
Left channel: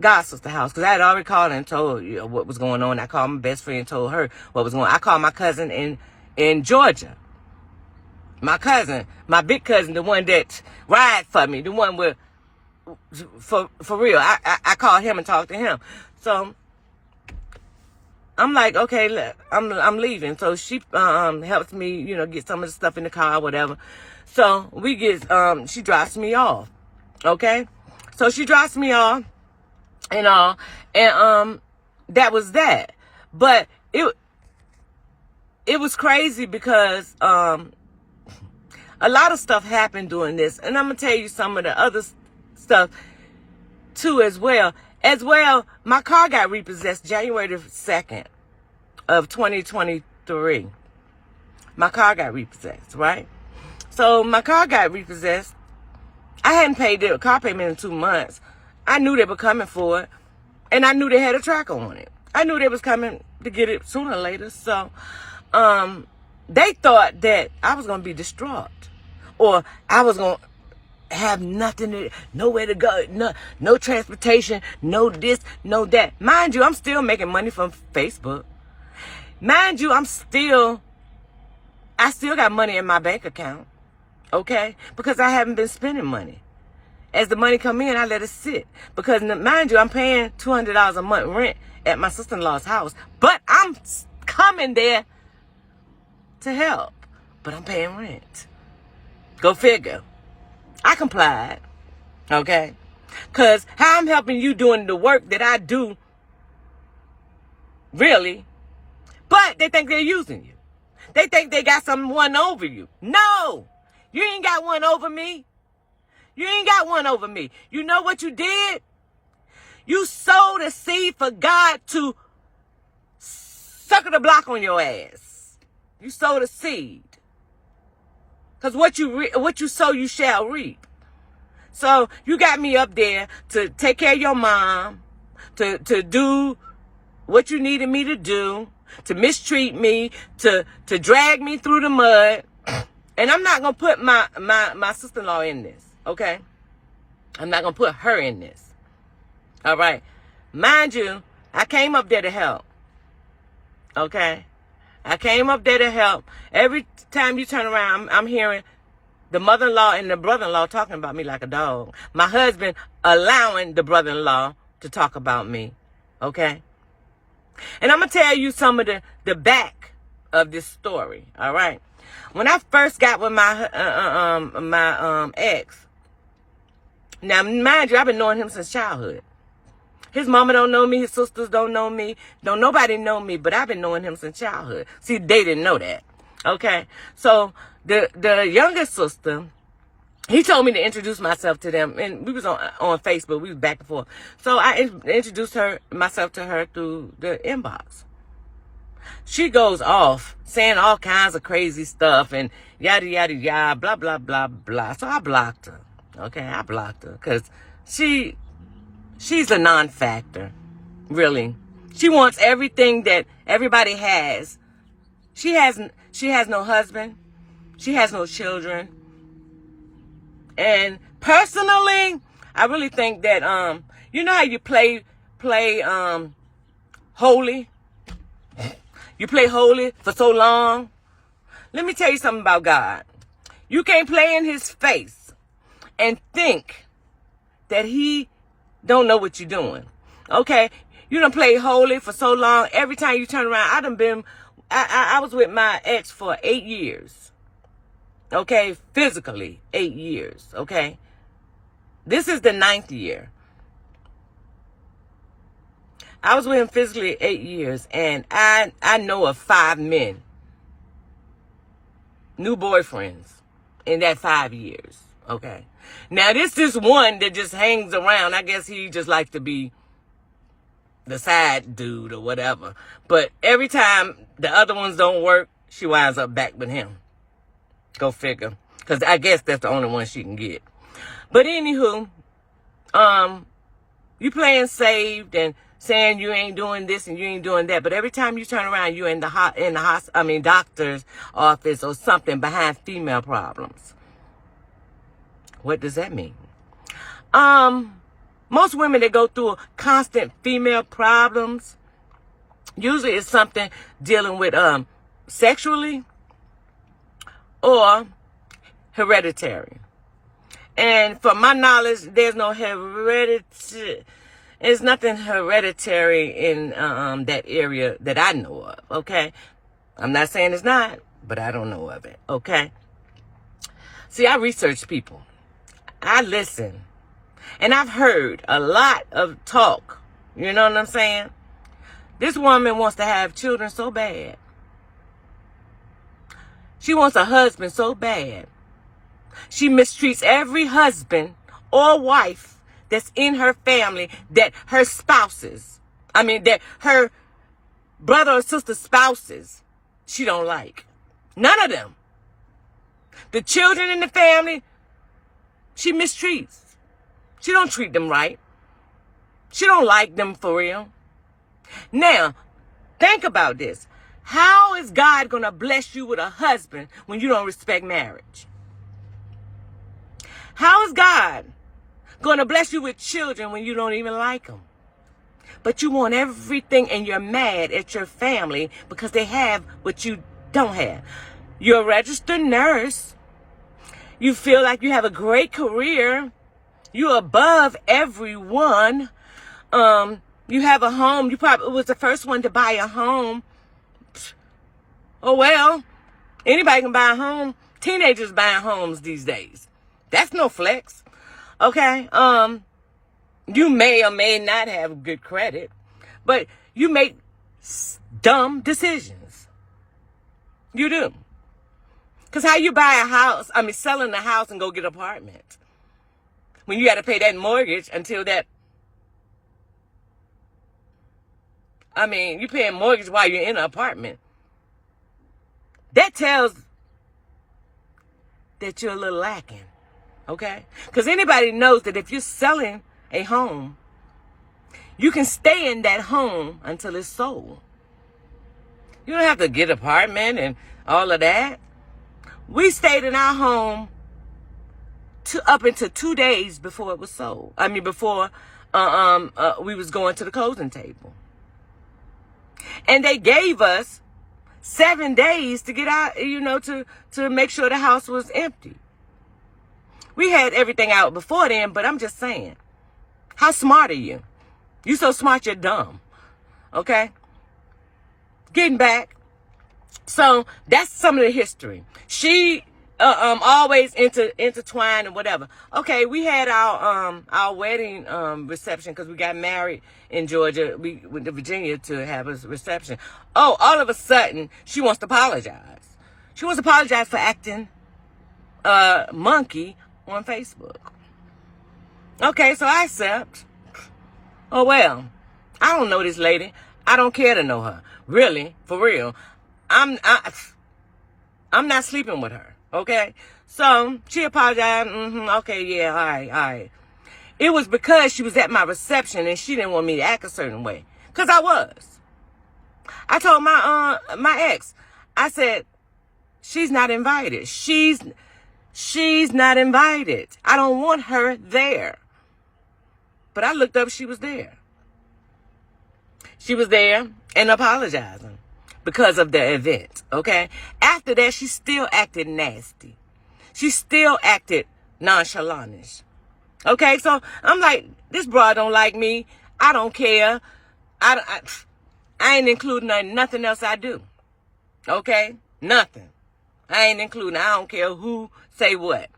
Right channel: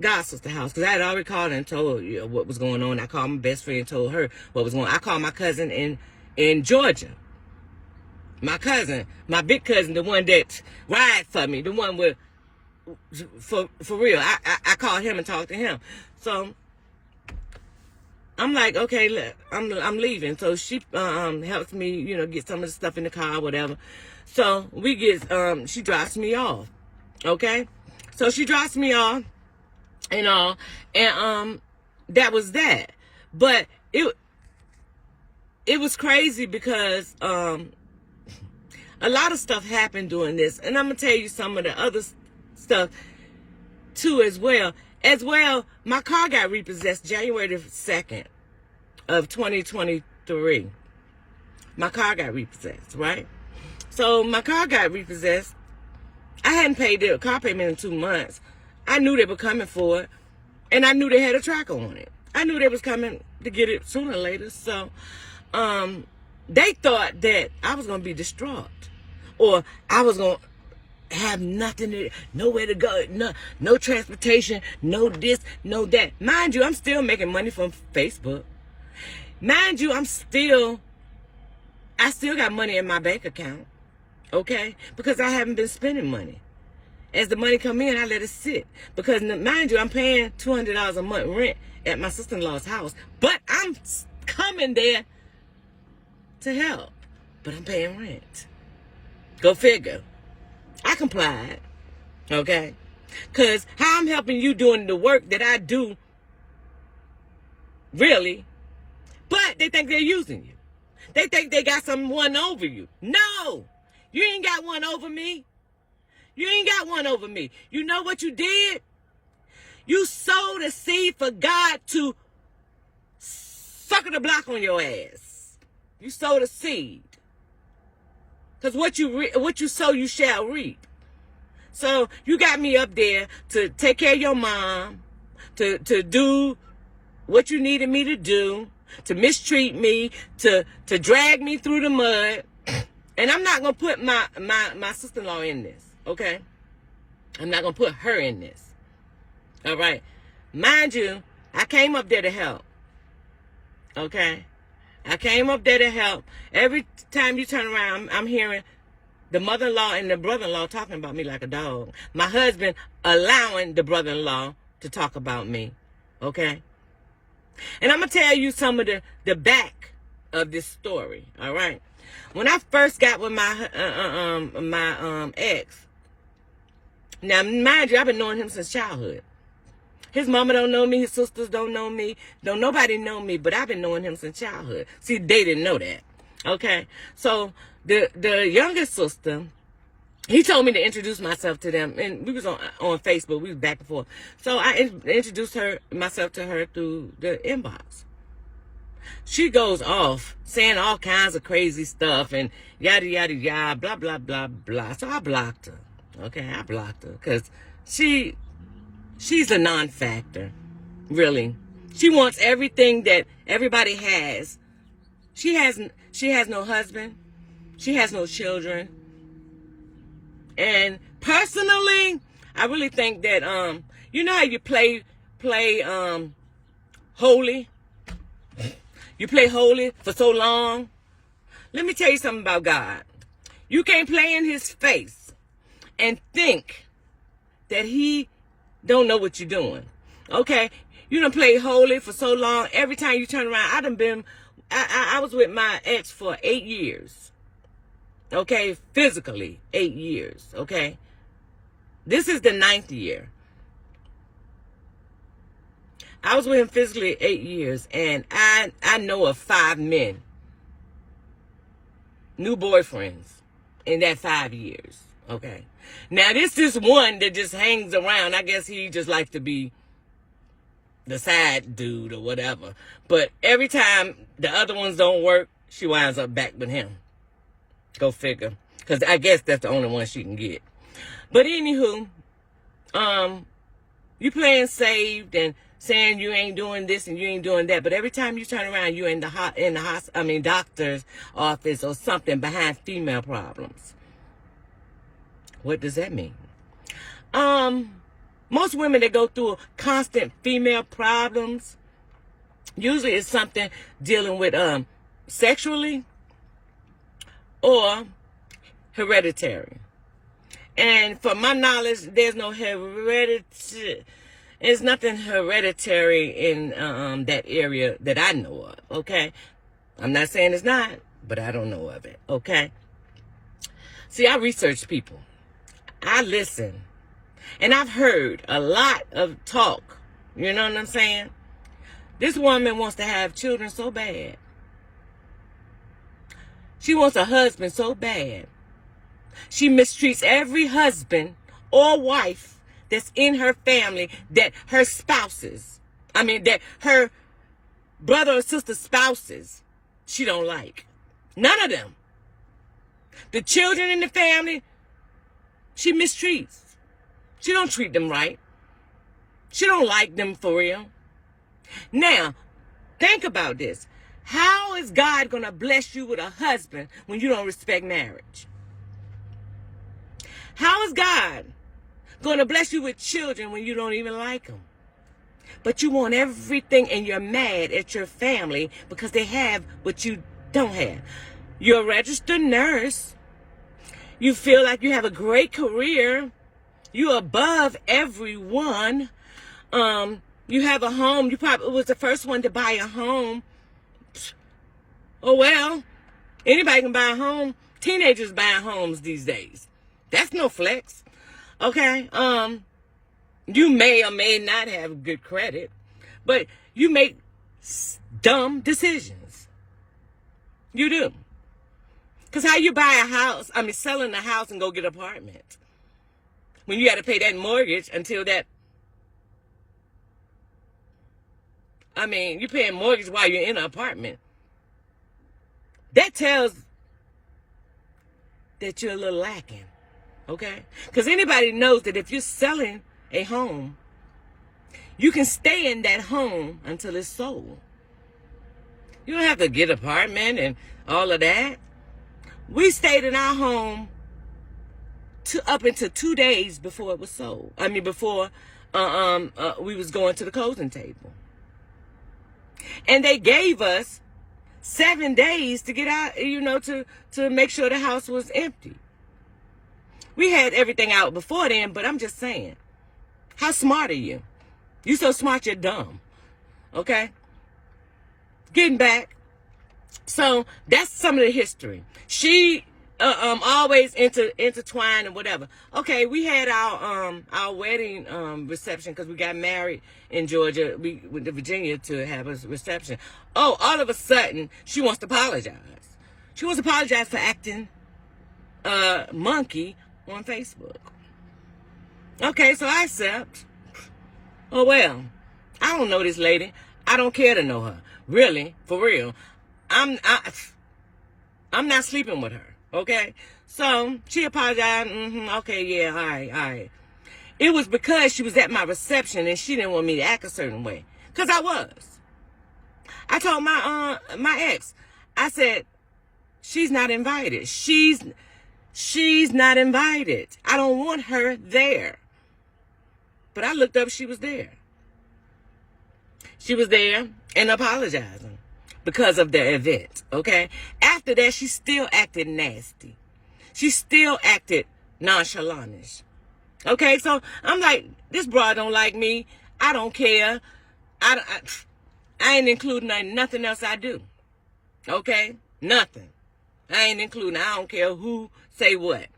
god sister house. Because I had already called her and told her what was going on. I called my best friend and told her what was going on. I called my cousin in Georgia. My cousin, my big cousin, the one that rides for me, the one with, for real. I called him and talked to him. So I'm like, okay, I'm leaving. So she helps me, get some of the stuff in the car, whatever. So we get, she drops me off. Okay? So she drops me off and all. And that was that. But it was crazy because a lot of stuff happened during this. And I'm going to tell you some of the other stuff too as well. As well, my car got repossessed January the 2nd of 2023. My car got repossessed, right? So my car got repossessed. I hadn't paid the car payment in 2 months. I knew they were coming for it, and I knew they had a tracker on it. I knew they was coming to get it sooner or later. So they thought that I was going to be distraught, or I was going to have nothing, nowhere to go, no transportation, no this, no that. Mind you, I'm still making money from Facebook. Mind you, I still got money in my bank account, okay? Because I haven't been spending money. As the money come in, I let it sit. Because mind you, I'm paying $200 a month rent at my sister-in-law's house. But I'm coming there to help. But I'm paying rent. Go figure. I complied, okay? Because how I'm helping you doing the work that I do, really, but they think they're using you. They think they got someone over you. No, you ain't got one over me. You ain't got one over me. You know what you did? You sowed a seed for God to sucker the block on your ass. You sowed a seed. Because what you sow, you shall reap. So you got me up there to take care of your mom, to do what you needed me to do, to mistreat me, to drag me through the mud. And I'm not going to put my sister-in-law in this, okay? I'm not going to put her in this. All right? Mind you, I came up there to help, okay? I came up there to help. Every time you turn around, I'm hearing the mother-in-law and the brother-in-law talking about me like a dog. My husband allowing the brother-in-law to talk about me. Okay? And I'm going to tell you some of the back of this story. All right? When I first got with my ex, now mind you, I've been knowing him since childhood. His mama don't know me. His sisters don't know me. Don't nobody know me, but I've been knowing him since childhood. See, they didn't know that. Okay? So, the youngest sister, he told me to introduce myself to them. And we was on Facebook. We was back and forth. So, I introduced myself to her through the inbox. She goes off saying all kinds of crazy stuff and yada, yada, yada, blah, blah, blah, blah. So I blocked her. Okay, I blocked her because she's a non-factor, really. She wants everything that everybody has. She has no husband. She has no children. And personally, I really think that you know how you play holy? You play holy for so long. Let me tell you something about God. You can't play in his face and think that he don't know what you're doing. Okay? You done play holy for so long. Every time you turn around, I was with my ex for 8 years. Okay? Physically, 8 years. Okay? This is the 9th year. I was with him physically 8 years, and I know of 5 men, new boyfriends, in that 5 years, okay? Now, this is one that just hangs around. I guess he just likes to be the side dude or whatever. But every time the other ones don't work, she winds up back with him. Go figure. Because I guess that's the only one she can get. But anywho, you playing saved and saying you ain't doing this and you ain't doing that, but every time you turn around, you're in the doctor's office or something behind female problems. What does that mean? Most women that go through constant female problems, usually it's something dealing with sexually or hereditary. And from my knowledge, there's no hereditary. There's nothing hereditary in that area that I know of, okay? I'm not saying it's not, but I don't know of it, okay? See, I research people. I listen. And I've heard a lot of talk. You know what I'm saying? This woman wants to have children so bad. She wants a husband so bad. She mistreats every husband or wife that's in her family, that her spouses, that her brother or sister spouses, she don't like. None of them. The children in the family, she mistreats. She don't treat them right. She don't like them for real. Now, think about this. How is God going to bless you with a husband when you don't respect marriage? How is God going to bless you with children when you don't even like them? But you want everything and you're mad at your family because they have what you don't have. You're a registered nurse. You feel like you have a great career. You're above everyone. You have a home. You probably was the first one to buy a home. Oh, well, anybody can buy a home. Teenagers buying homes these days. That's no flex. Okay, you may or may not have good credit, but you make dumb decisions. You do. Because how you buy a house, selling a house and go get an apartment, when you got to pay that mortgage until that, you're paying mortgage while you're in an apartment. That tells that you're a little lacking. Okay? Because anybody knows that if you're selling a home, you can stay in that home until it's sold. You don't have to get an apartment and all of that. We stayed in our home up until 2 days before it was sold. Before we was going to the closing table. And they gave us 7 days to get out, to make sure the house was empty. We had everything out before then, but I'm just saying, how smart are you? You so smart, you're dumb. Okay? Getting back. So that's some of the history. She always intertwined and whatever. Okay, we had our wedding reception because we got married in Georgia. We went to Virginia to have a reception. Oh, all of a sudden, she wants to apologize. She wants to apologize for acting monkey on Facebook. Okay, so I accept. Oh, well, I don't know this lady. I don't care to know her. Really, for real. I'm not sleeping with her, okay? So she apologized. Okay, yeah, all right. It was because she was at my reception and she didn't want me to act a certain way. Because I was. I told my ex, I said, she's not invited. She's not invited. I don't want her there. But I looked up, she was there. She was there and apologizing because of the event, okay? After that, she still acted nasty. She still acted nonchalant. Okay, so I'm like, this broad don't like me. I don't care. I ain't including nothing else I do. Okay? Nothing. I ain't including. I don't care who say what.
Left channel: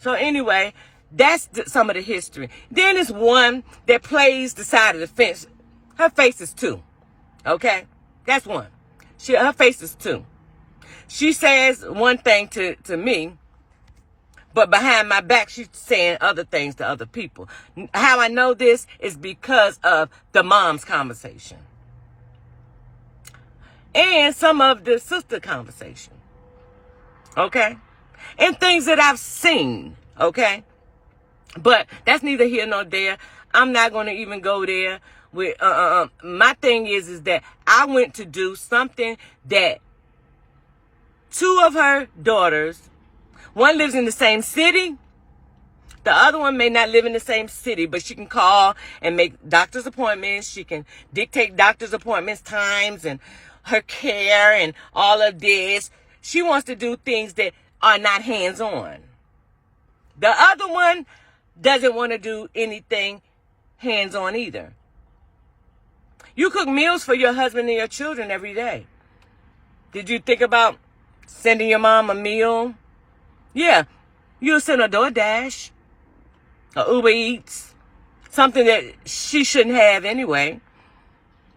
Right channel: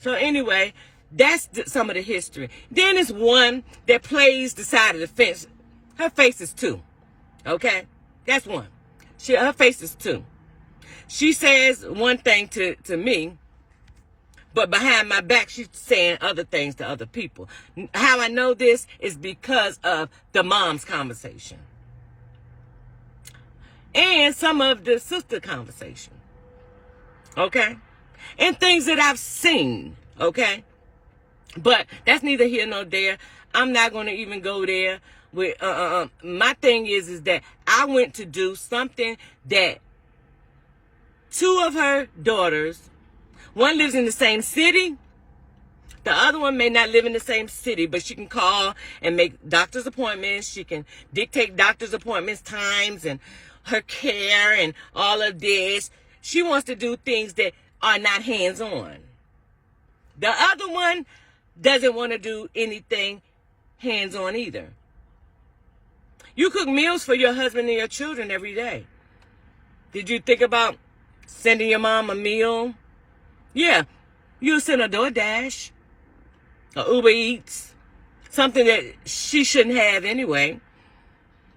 So anyway, that's some of the history. Then there's one that plays the side of the fence. Her face is two. Okay? That's one. Her face is two. She says one thing to me, but behind my back, she's saying other things to other people. How I know this is because of the mom's conversation. And some of the sister conversation. Okay? And things that I've seen. Okay? But that's neither here nor there. I'm not going to even go there. With my thing is that I went to do something that two of her daughters, one lives in the same city. The other one may not live in the same city, but she can call and make doctor's appointments. She can dictate doctor's appointments, times, and her care and all of this. She wants to do things that are not hands-on. The other one doesn't want to do anything hands-on either. You cook meals for your husband and your children every day. Did you think about sending your mom a meal? Yeah, you'll send a DoorDash, or Uber Eats, something that she shouldn't have anyway.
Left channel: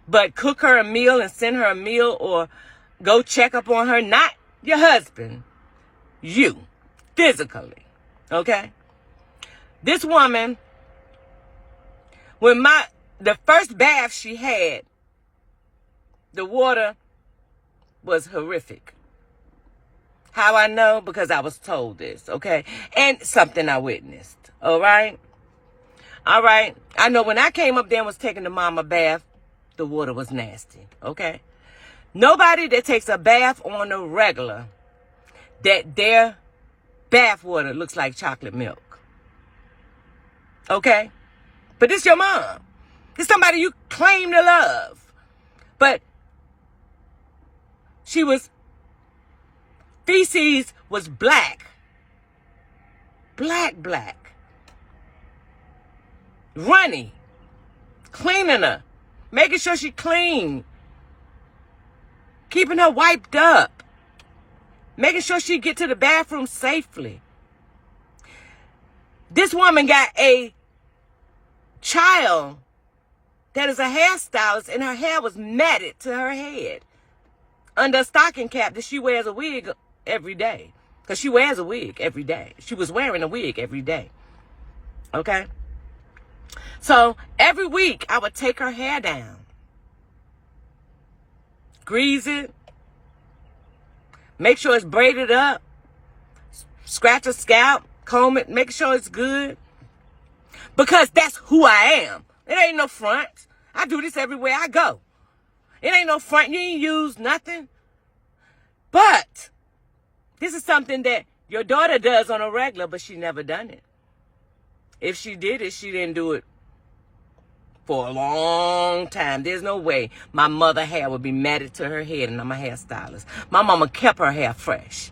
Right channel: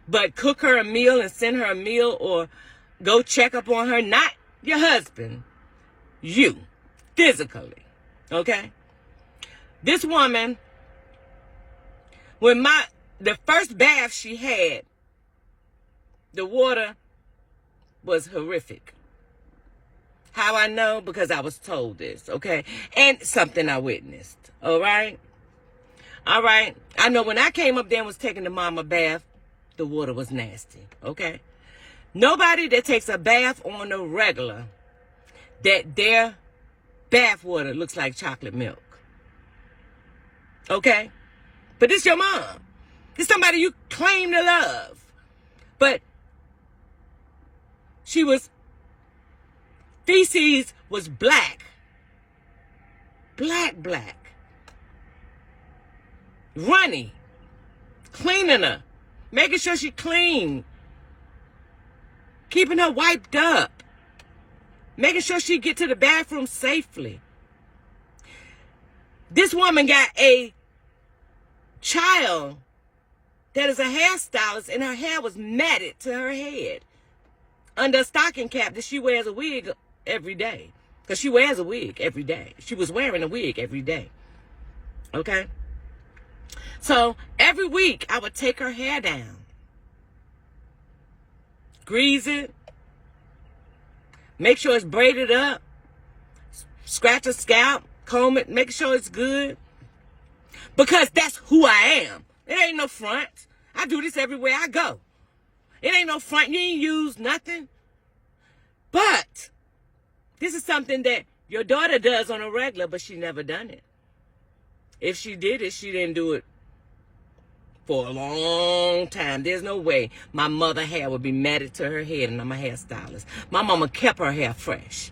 But cook her a meal and send her a meal, or go check up on her, not your husband, you, physically, okay? This woman, when the first bath she had, the water was horrific. How I know? Because I was told this, okay? And something I witnessed, all right? All right. I know when I came up there and was taking the mama bath, the water was nasty, okay? Nobody that takes a bath on a regular, that their bath water looks like chocolate milk, okay? But this your mom. It's somebody you claim to love. But feces was black. Black. Runny. Cleaning her. Making sure she clean. Keeping her wiped up. Making sure she get to the bathroom safely. This woman got a child that is a hairstylist, and her hair was matted to her head under a stocking cap that she wears a wig every day. Because she wears a wig every day. She was wearing a wig every day. Okay? So every week I would take her hair down, grease it, make sure it's braided up, scratch her scalp, comb it, make sure it's good. Because that's who I am. It ain't no front. I do this everywhere I go. It ain't no front. You ain't use nothing. But this is something that your daughter does on a regular, but she never done it. If she did it, she didn't do it for a long time. There's no way my mother hair would be matted to her head, and I'm a hairstylist. My mama kept her hair fresh.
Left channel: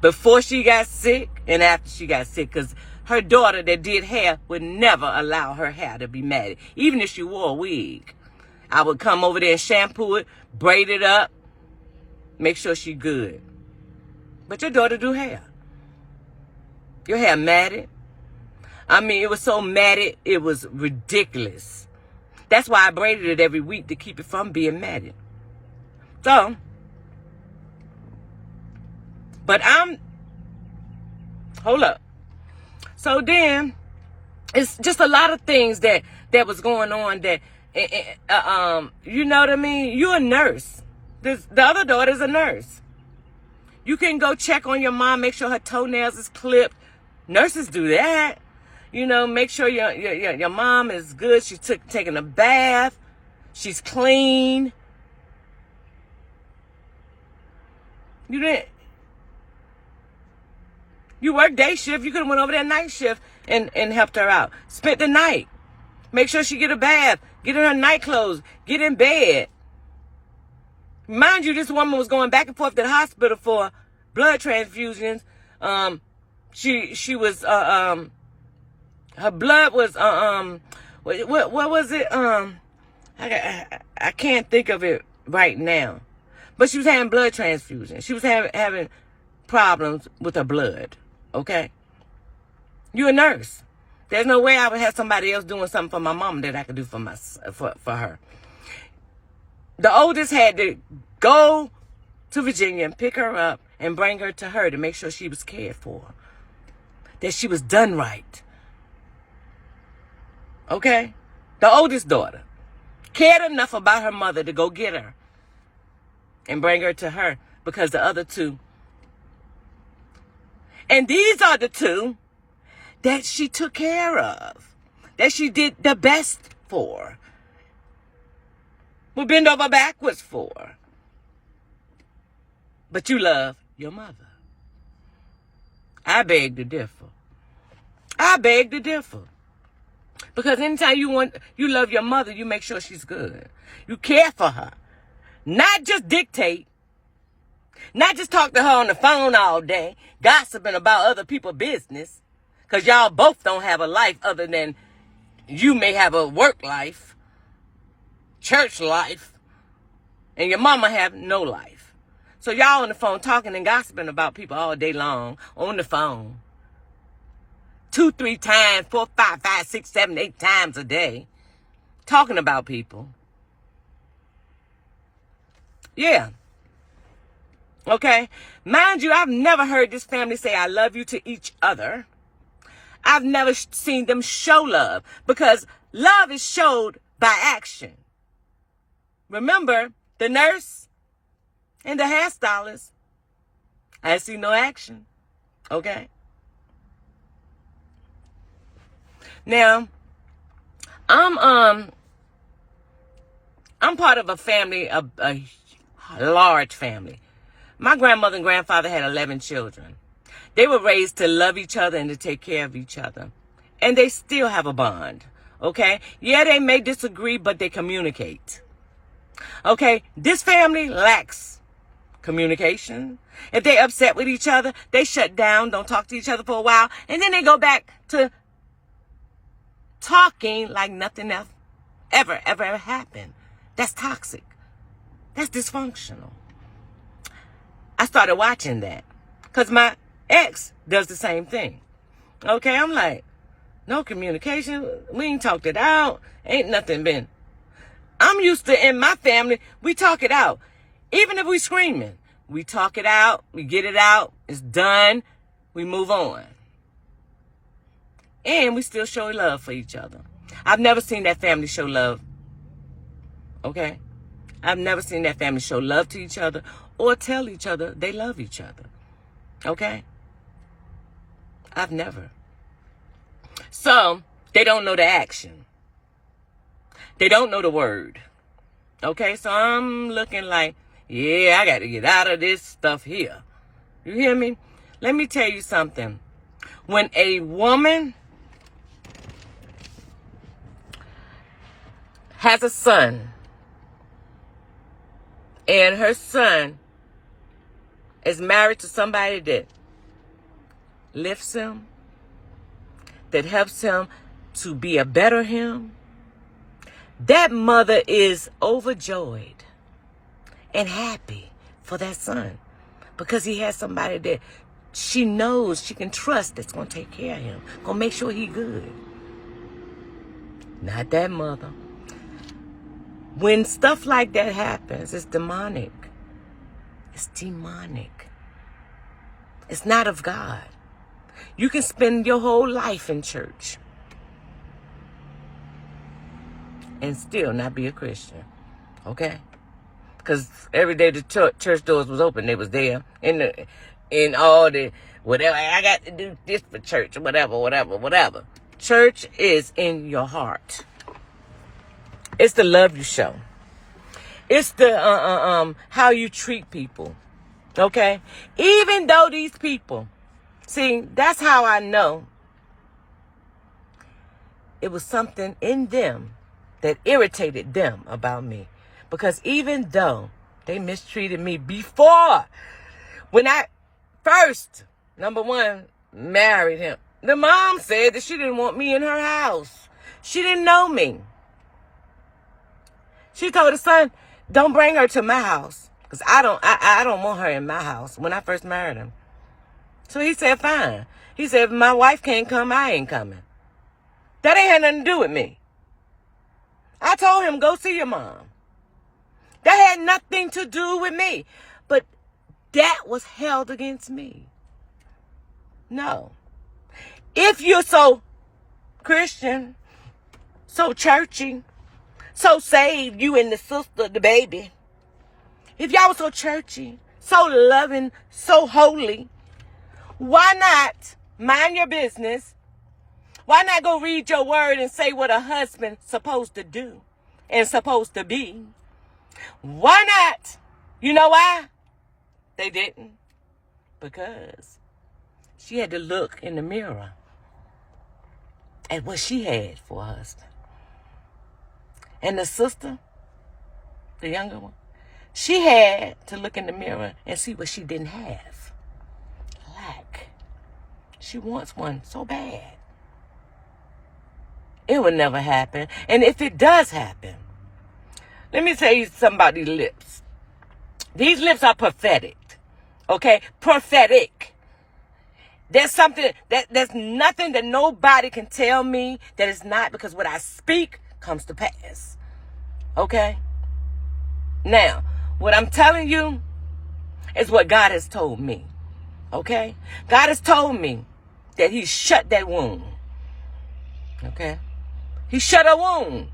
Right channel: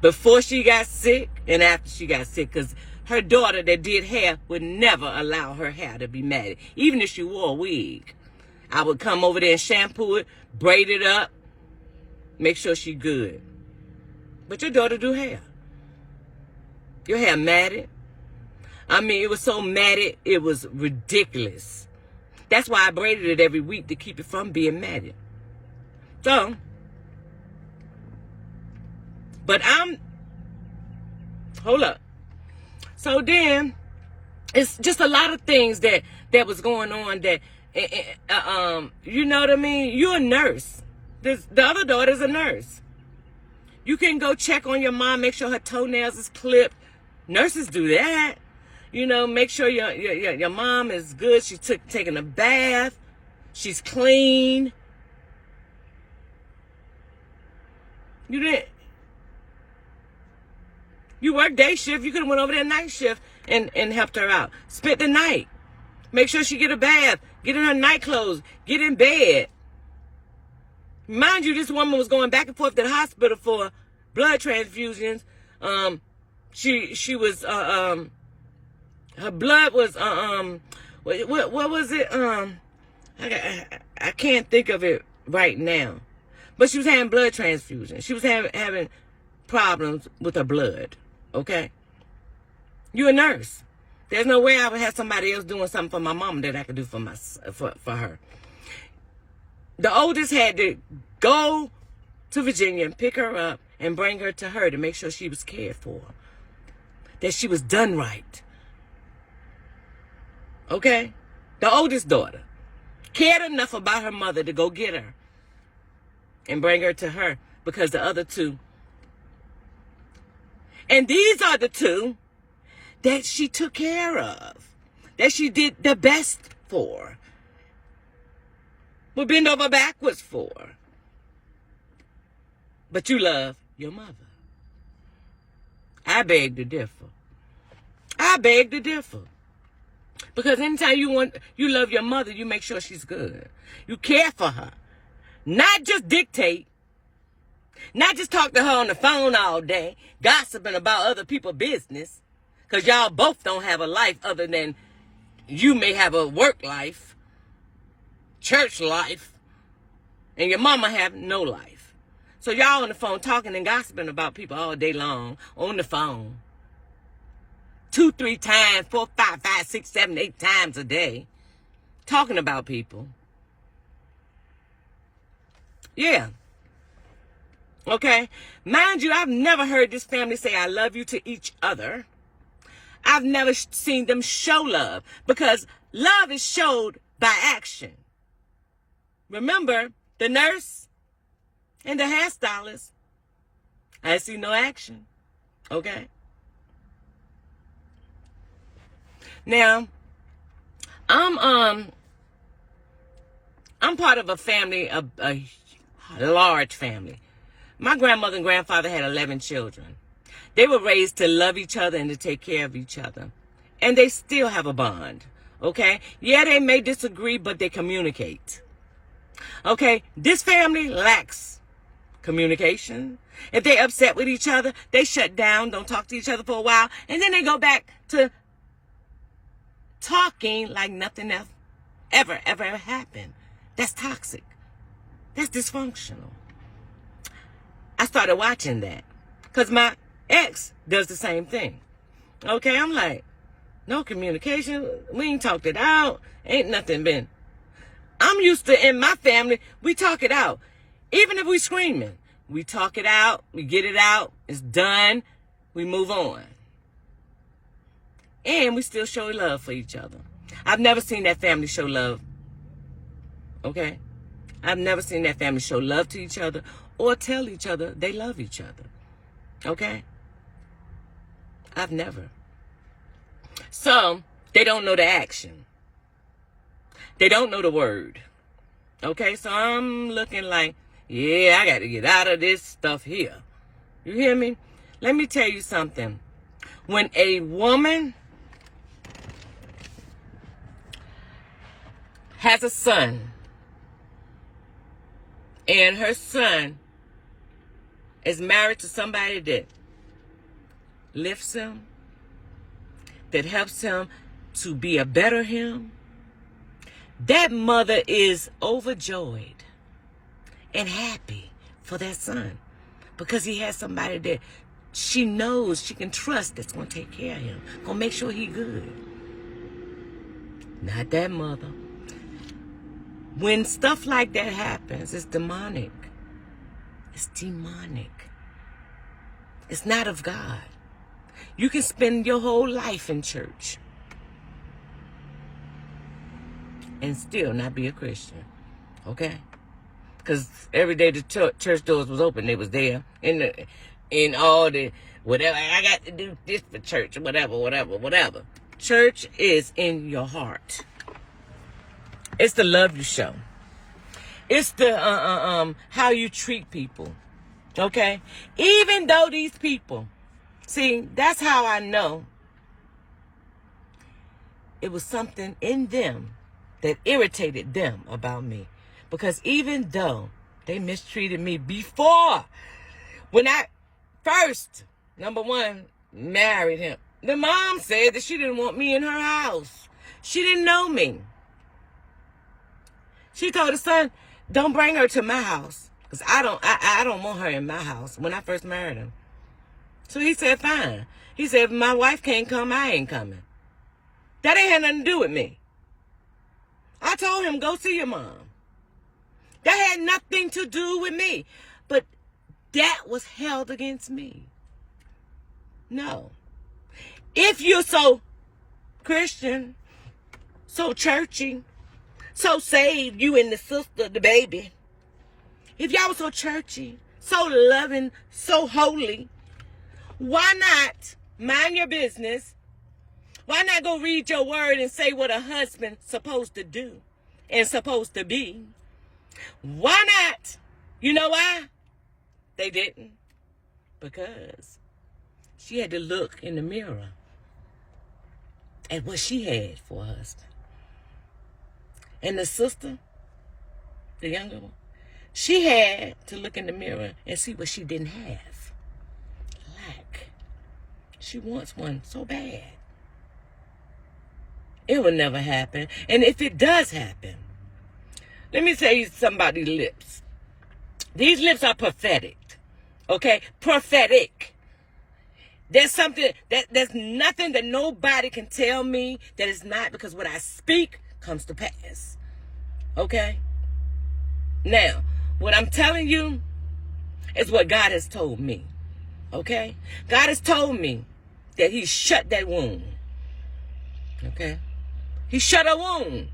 Before she got sick and after she got sick, because her daughter that did hair would never allow her hair to be matted. Even if she wore a wig. I would come over there and shampoo it, braid it up, make sure she good. But your daughter do hair. Your hair matted. I mean, it was so matted, it was ridiculous. That's why I braided it every week, to keep it from being matted. So, but hold up. So then, it's just a lot of things that was going on that You know what I mean? You're a nurse. The other daughter's a nurse. You can go check on your mom, make sure her toenails is clipped. Nurses do that. You know, make sure your mom is good. She's taking a bath. She's clean. You work day shift. You could have went over there night shift and helped her out. Spent the night. Make sure she get a bath. Get in her night clothes. Get in bed. Mind you, this woman was going back and forth to the hospital for blood transfusions. She was her blood was what was it? I can't think of it right now. But she was having blood transfusions. She was having problems with her blood. Okay? You're a nurse. There's no way I would have somebody else doing something for my mom that I could do for her. The oldest had to go to Virginia and pick her up and bring her to her to make sure she was cared for. That she was done right. Okay? The oldest daughter cared enough about her mother to go get her and bring her to her, because the other two. And these are the two that she took care of, that she did the best for, would bend over backwards for. But you love your mother. I beg to differ. I beg to differ. Because anytime you love your mother, you make sure she's good. You care for her. Not just dictate. Not just talk to her on the phone all day, gossiping about other people's business. Because y'all both don't have a life other than you may have a work life, church life, and your mama have no life. So y'all on the phone talking and gossiping about people all day long on the phone. 2, 3 times, 4, 5, 5, 6, 7, 8 times a day. Talking about people. Yeah. Okay? Mind you, I've never heard this family say I love you to each other. I've never seen them show love, because love is showed by action. Remember, the nurse and the hairstylist, I see no action. Okay? Now, I'm part of a family, a large family. My grandmother and grandfather had 11 children. They were raised to love each other and to take care of each other. And they still have a bond. Okay? Yeah, they may disagree, but they communicate. Okay? This family lacks communication. If they upset with each other, they shut down, don't talk to each other for a while, and then they go back to talking like nothing else ever happened. That's toxic. That's dysfunctional. I started watching that because my ex does the same thing. Okay, I'm like, no communication. We ain't talked it out. Ain't nothing been. I'm used to, in my family, we talk it out. Even if we screaming, we talk it out. We get it out. It's done. We move on. And we still show love for each other. I've never seen that family show love. Okay? I've never seen that family show love to each other or tell each other they love each other. Okay? I've never. So, they don't know the action. They don't know the word. Okay? So, I'm looking like, yeah, I got to get out of this stuff here. You hear me? Let me tell you something. When a woman has a son, and her son is married to somebody that lifts him, that helps him to be a better him, that mother is overjoyed and happy for that son, because he has somebody that she knows she can trust that's going to take care of him, going to make sure he good. Not that mother. When stuff like that happens, it's demonic. It's demonic. It's not of God. You can spend your whole life in church and still not be a Christian. Okay? Because every day the church doors was open, they was there. In all the, whatever, I got to do this for church, whatever. Church is in your heart. It's the love you show. It's the how you treat people. Okay? Even though these people, see, that's how I know it was something in them that irritated them about me. Because even though they mistreated me before, when I first, number one, married him, the mom said that she didn't want me in her house. She didn't know me. She told her son, don't bring her to my house. Because I don't want her in my house when I first married him. So he said, fine. He said, if my wife can't come, I ain't coming. That ain't had nothing to do with me. I told him, go see your mom. That had nothing to do with me. But that was held against me. No. If you're so Christian, so churchy, so saved, you and the sister, the baby. If y'all were so churchy, so loving, so holy, why not mind your business? Why not go read your word and say what a husband's supposed to do and supposed to be? Why not? You know why? They didn't. Because she had to look in the mirror at what she had for her husband. And the sister, the younger one, she had to look in the mirror and see what she didn't have. Lack. She wants one so bad. It will never happen. And if it does happen, let me tell you something about these lips. These lips are prophetic. Okay? Prophetic. There's nothing that nobody can tell me that is not, because what I speak comes to pass. Okay? Now, what I'm telling you is what God has told me. Okay? God has told me that He shut that wound. Okay? He shut a wound.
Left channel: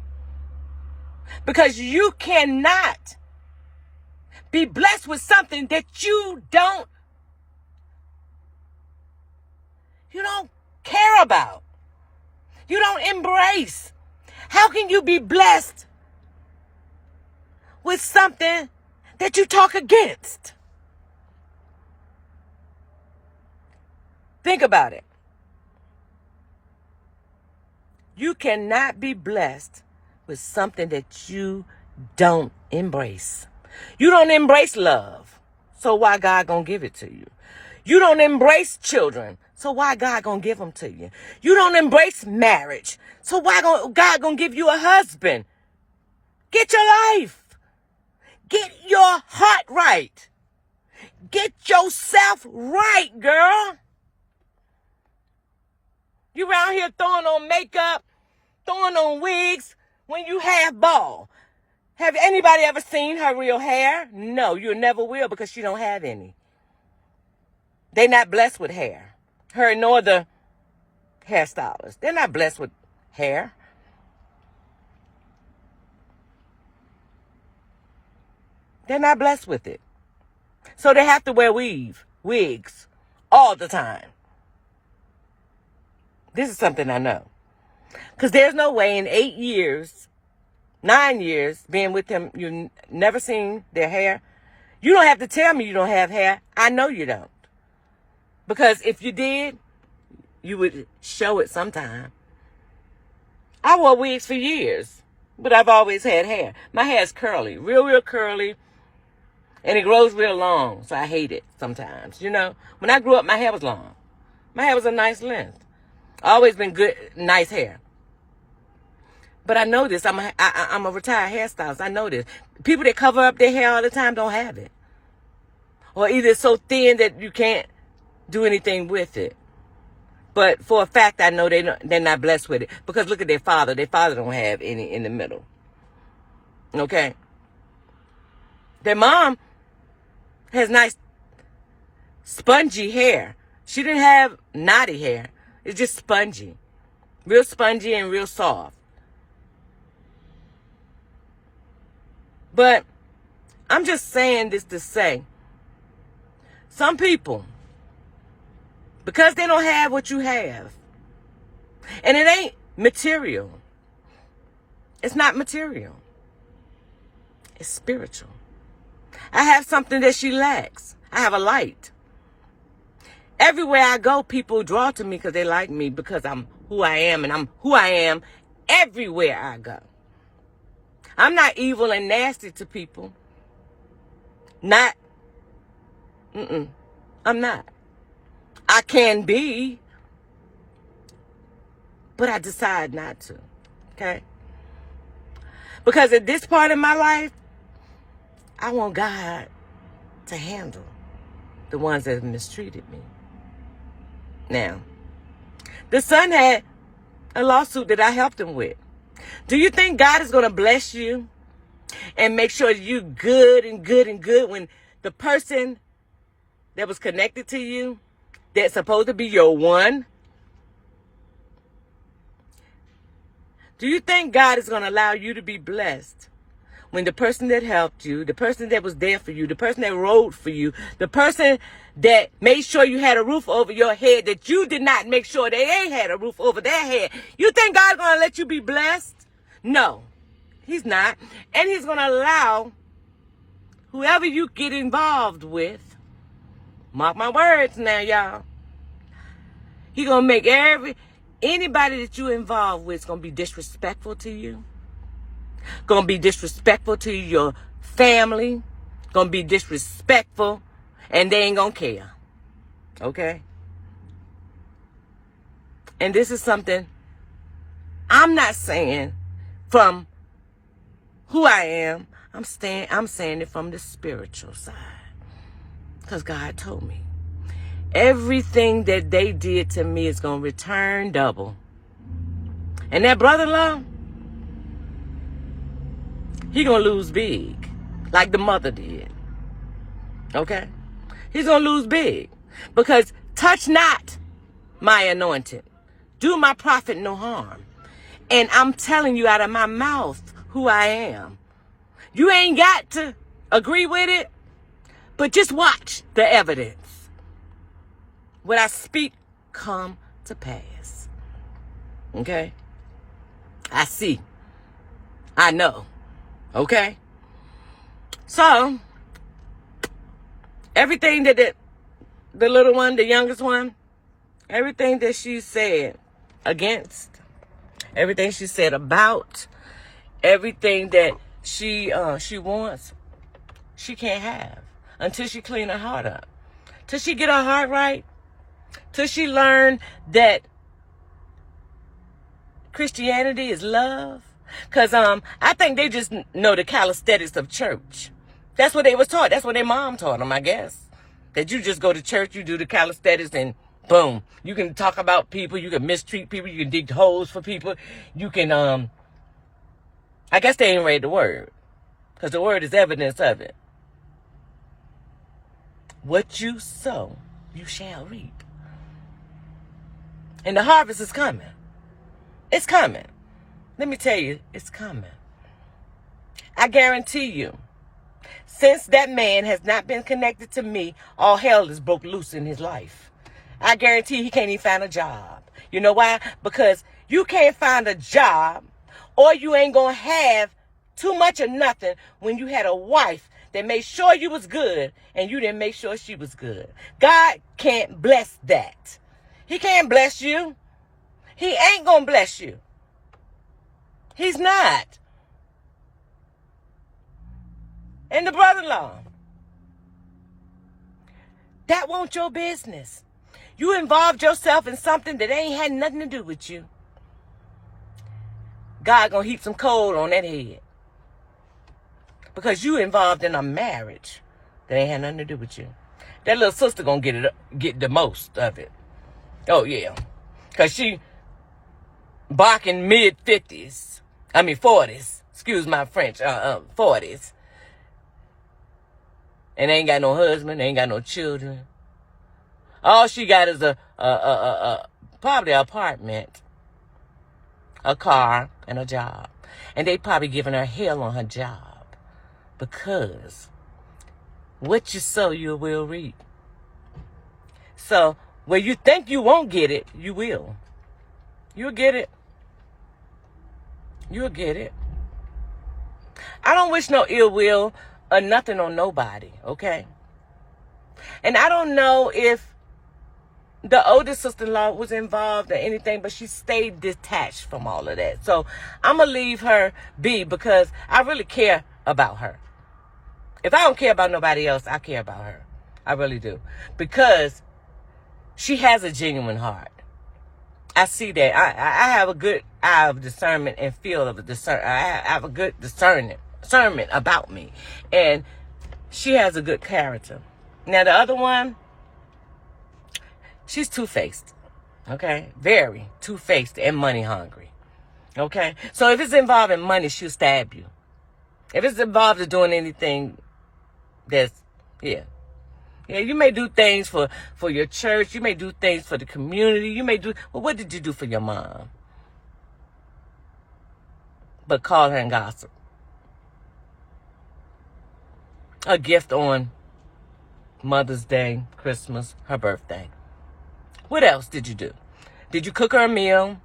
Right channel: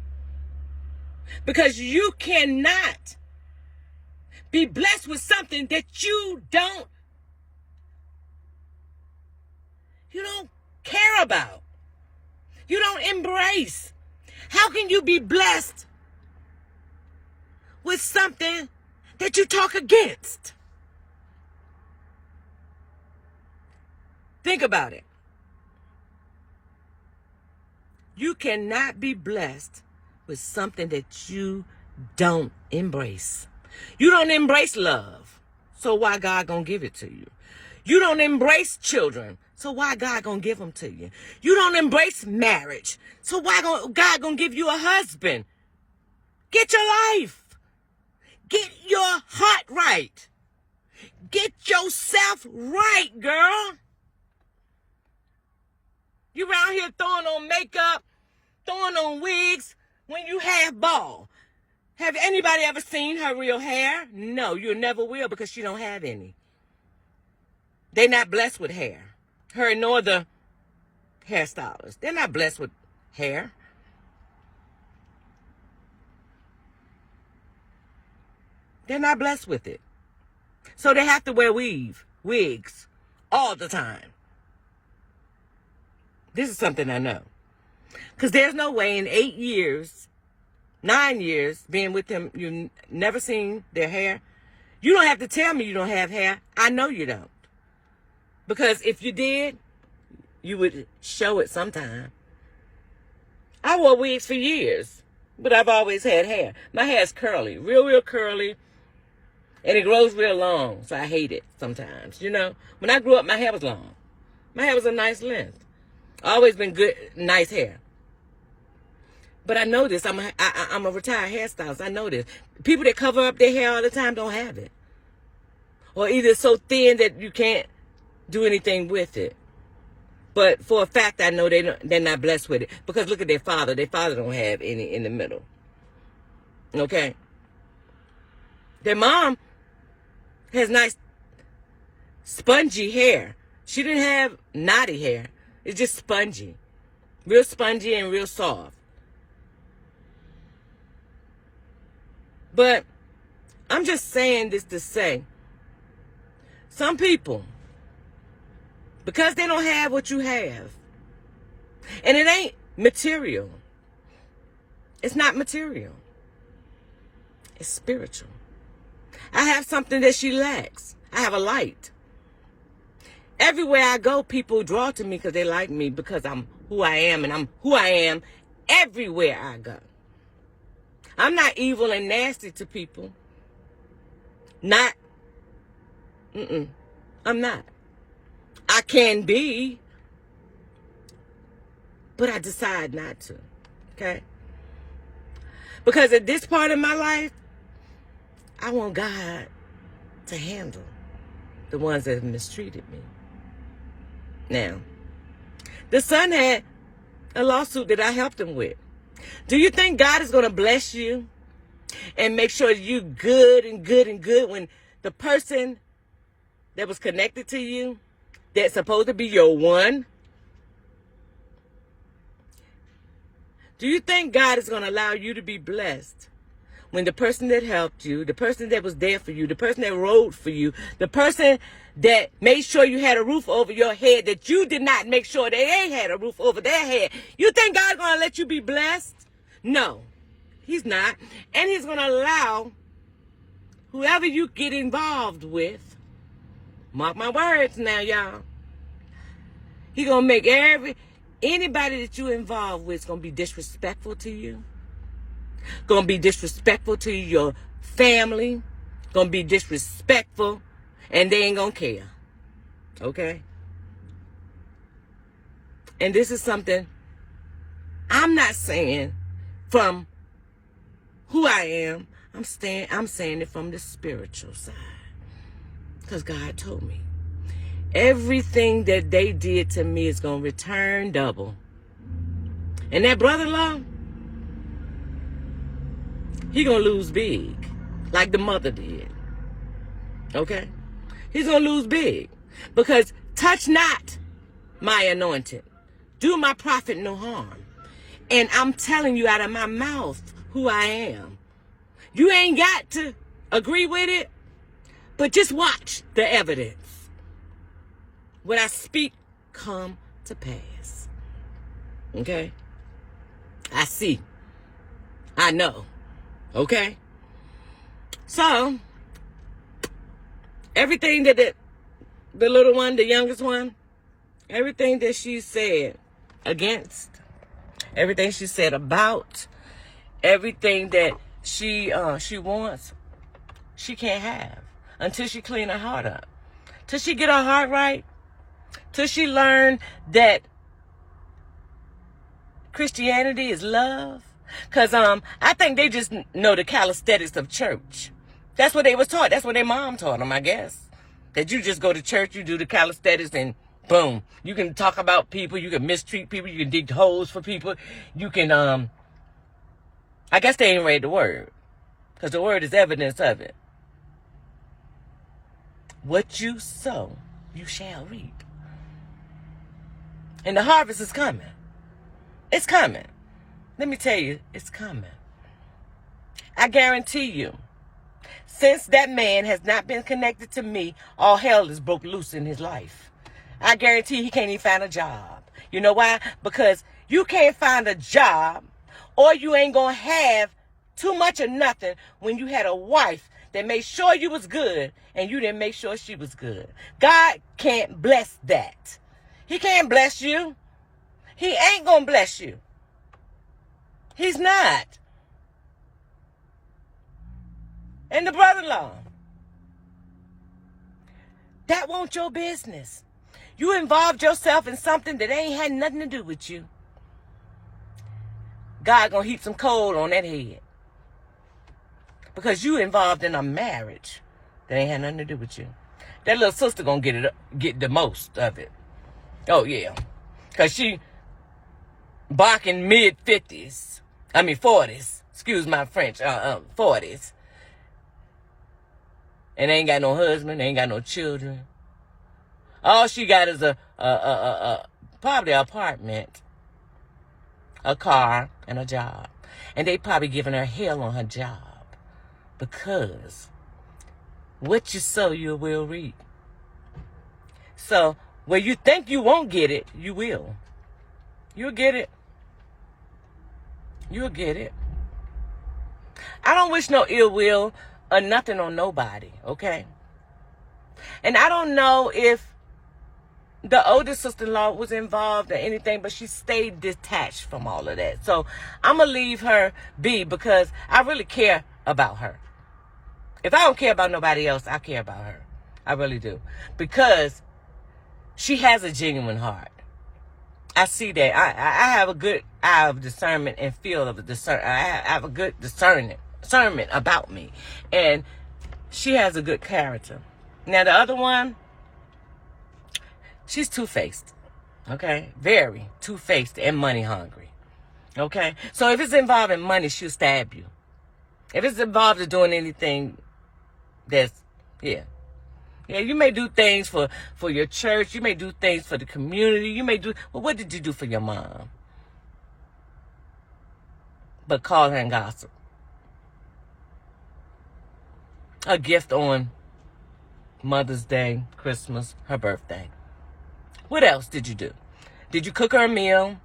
Because you cannot be blessed with something that you don't care about. You don't embrace. How can you be blessed with something that you talk against? Think about it. You cannot be blessed with something that you don't embrace. You don't embrace love, so why God gonna give it to you? You don't embrace children, so why God gonna give them to you? You don't embrace marriage, so why God gonna give you a husband? Get your life. Get your heart right. Get yourself right, girl. You around here throwing on makeup, throwing on wigs when you have bald. Have anybody ever seen her real hair? No, you never will, because she don't have any. They're not blessed with hair. Her nor the hairstylist. They're not blessed with hair. They're not blessed with it. So they have to wear wigs, all the time. This is something I know. Because there's no way in 8 years, 9 years, being with them, you've never seen their hair. You don't have to tell me you don't have hair. I know you don't. Because if you did, you would show it sometime. I wore wigs for years, but I've always had hair. My hair is curly, real curly, and it grows real long, so I hate it sometimes. You know, when I grew up, my hair was long. My hair was a nice length. Always been good, nice hair. But I know this. I'm a retired hairstylist. I know this. People that cover up their hair all the time don't have it. Or either it's so thin that you can't do anything with it. But for a fact, I know they're not blessed with it. Because look at their father. Their father don't have any in the middle. Okay? Their mom has nice spongy hair. She didn't have knotty hair. It's just spongy. Real spongy and real soft. But I'm just saying this to say, some people, because they don't have what you have, and it ain't material. It's not material. It's spiritual. I have something that she lacks. I have a light. Everywhere I go, people draw to me because they like me, because I'm who I am, and I'm who I am everywhere I go. I'm not evil and nasty to people. I'm not. I can be, but I decide not to. Okay? Because at this part of my life, I want God to handle the ones that have mistreated me. Now, the son had a lawsuit that I helped him with. Do you think God is going to bless you and make sure you good and good and good when the person that was connected to you, that's supposed to be your one, do you think God is going to allow you to be blessed when the person that helped you, the person that was there for you, the person that rode for you, the person that made sure you had a roof over your head, that you did not make sure they ain't had a roof over their head, you think God's going to let you be blessed? No, he's not. And he's going to allow whoever you get involved with, mark my words now, y'all, he's going to make anybody that you involved with is going to be disrespectful to you, going to be disrespectful to your family, going to be disrespectful, and they ain't going to care. Okay? And this is something I'm not saying from who I am. I'm saying it from the spiritual side. Because God told me. Everything that they did to me is going to return double. And that brother-in-law, he going to lose big. Like the mother did. Okay? He's going to lose big. Because touch not my anointed. Do my prophet no harm. And I'm telling you out of my mouth who I am. You ain't got to agree with it, but just watch the evidence. What I speak come to pass. Okay? I see. I know. Okay? So, everything that the little one, the youngest one, everything that she said against, everything she said about, everything that she wants, she can't have until she clean her heart up. Till she get her heart right. Till she learn that Christianity is love. Because I think they just know the calisthenics of church. That's what they was taught. That's what their mom taught them, I guess. That you just go to church, you do the calisthenics, and boom. You can talk about people. You can mistreat people. You can dig holes for people. You can, I guess they ain't read the word. Because the word is evidence of it. What you sow, you shall reap. And the harvest is coming. It's coming. Let me tell you, it's coming. I guarantee you, since that man has not been connected to me, all hell is broke loose in his life. I guarantee he can't even find a job. You know why? Because you can't find a job, or you ain't going to have too much of nothing when you had a wife that made sure you was good and you didn't make sure she was good. God can't bless that. He can't bless you. He ain't going to bless you. He's not. And the brother-in-law, that won't your business. You involved yourself in something that ain't had nothing to do with you. God gonna heap some coal on that head. Because you involved in a marriage that ain't had nothing to do with you. That little sister gonna get the most of it. Oh yeah. Because she barking mid-50s. I mean 40s. Excuse my French. 40s. And ain't got no husband, ain't got no children. All she got is probably an apartment, a car, and a job. And they probably giving her hell on her job. Because what you sow, you will reap. So where you think you won't get it, you will. You'll get it. You'll get it. I don't wish no ill will or nothing on nobody, okay? And I don't know if the oldest sister-in-law was involved or anything, but she stayed detached from all of that. So I'm going to leave her be because I really care about her. If I don't care about nobody else, I care about her. I really do. Because she has a genuine heart. I see that. I have a good eye of discernment and feel of discernment. I have a good discernment about me. And she has a good character. Now, the other one, she's two-faced. Okay? Very two-faced and money hungry. Okay? So if it's involving money, she'll stab you. If it's involved in doing anything that's, yeah, you may do things for your church. You may do things for the community. You may do, well, what did you do for your mom? But call her and gossip. A gift on Mother's Day, Christmas, her birthday. What else did you do? Did you cook her a meal?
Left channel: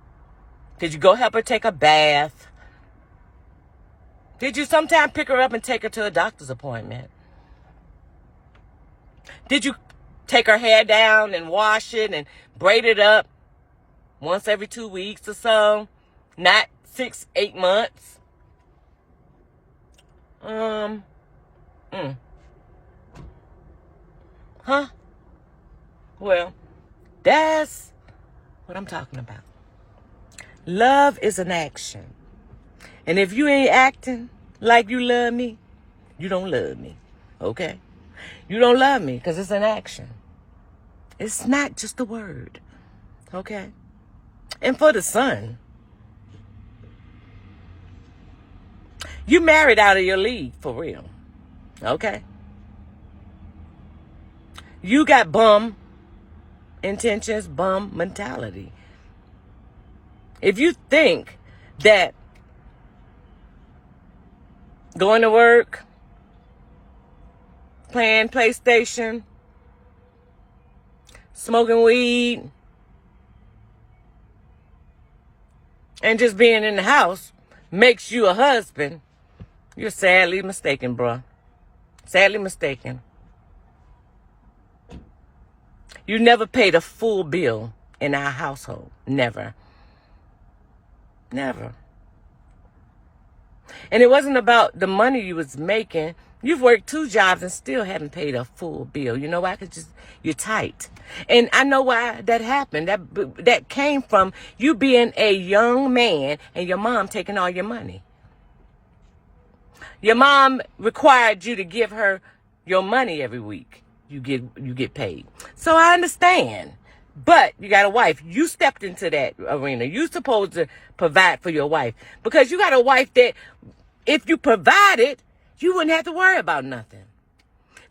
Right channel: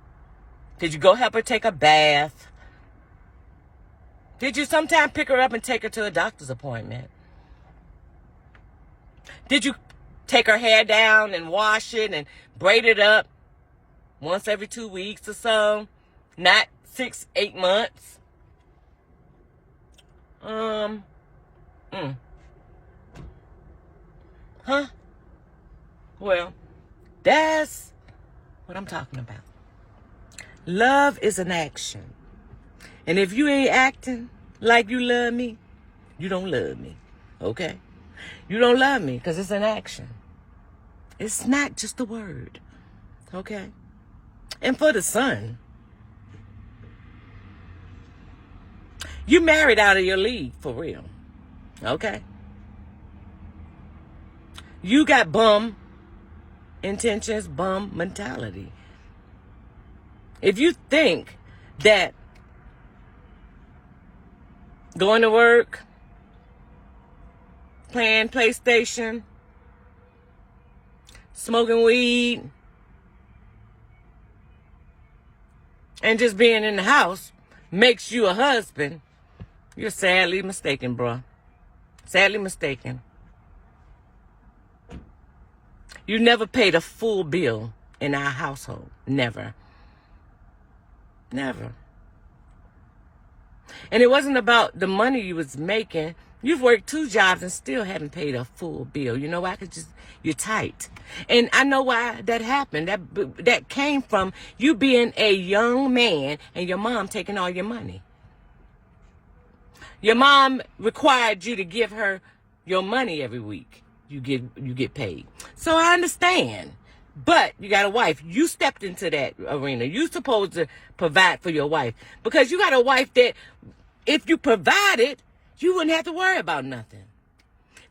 Did you go help her take a bath? Did you sometime pick her up and take her to a doctor's appointment? Did you take her hair down and wash it and braid it up once every 2 weeks or so? Not 6-8 months? Huh? Well, that's what I'm talking about. Love is an action. And if you ain't acting like you love me, you don't love me. Okay? You don't love me because it's an action. It's not just a word. Okay? And for the son, you married out of your league for real. Okay? You got bum intentions, bum mentality. If you think that going to work, playing PlayStation, smoking weed, and just being in the house makes you a husband, you're sadly mistaken, bruh. Sadly mistaken. You never paid a full bill in our household. Never. Never. And it wasn't about the money you was making. You've worked 2 jobs and still haven't paid a full bill. You know why? Because you're tight. And I know why that happened. That came from you being a young man and your mom taking all your money. Your mom required you to give her your money every week. You get paid. So I understand. But you got a wife. You stepped into that arena. You're supposed to provide for your wife. Because you got a wife that if you provided, you wouldn't have to worry about nothing.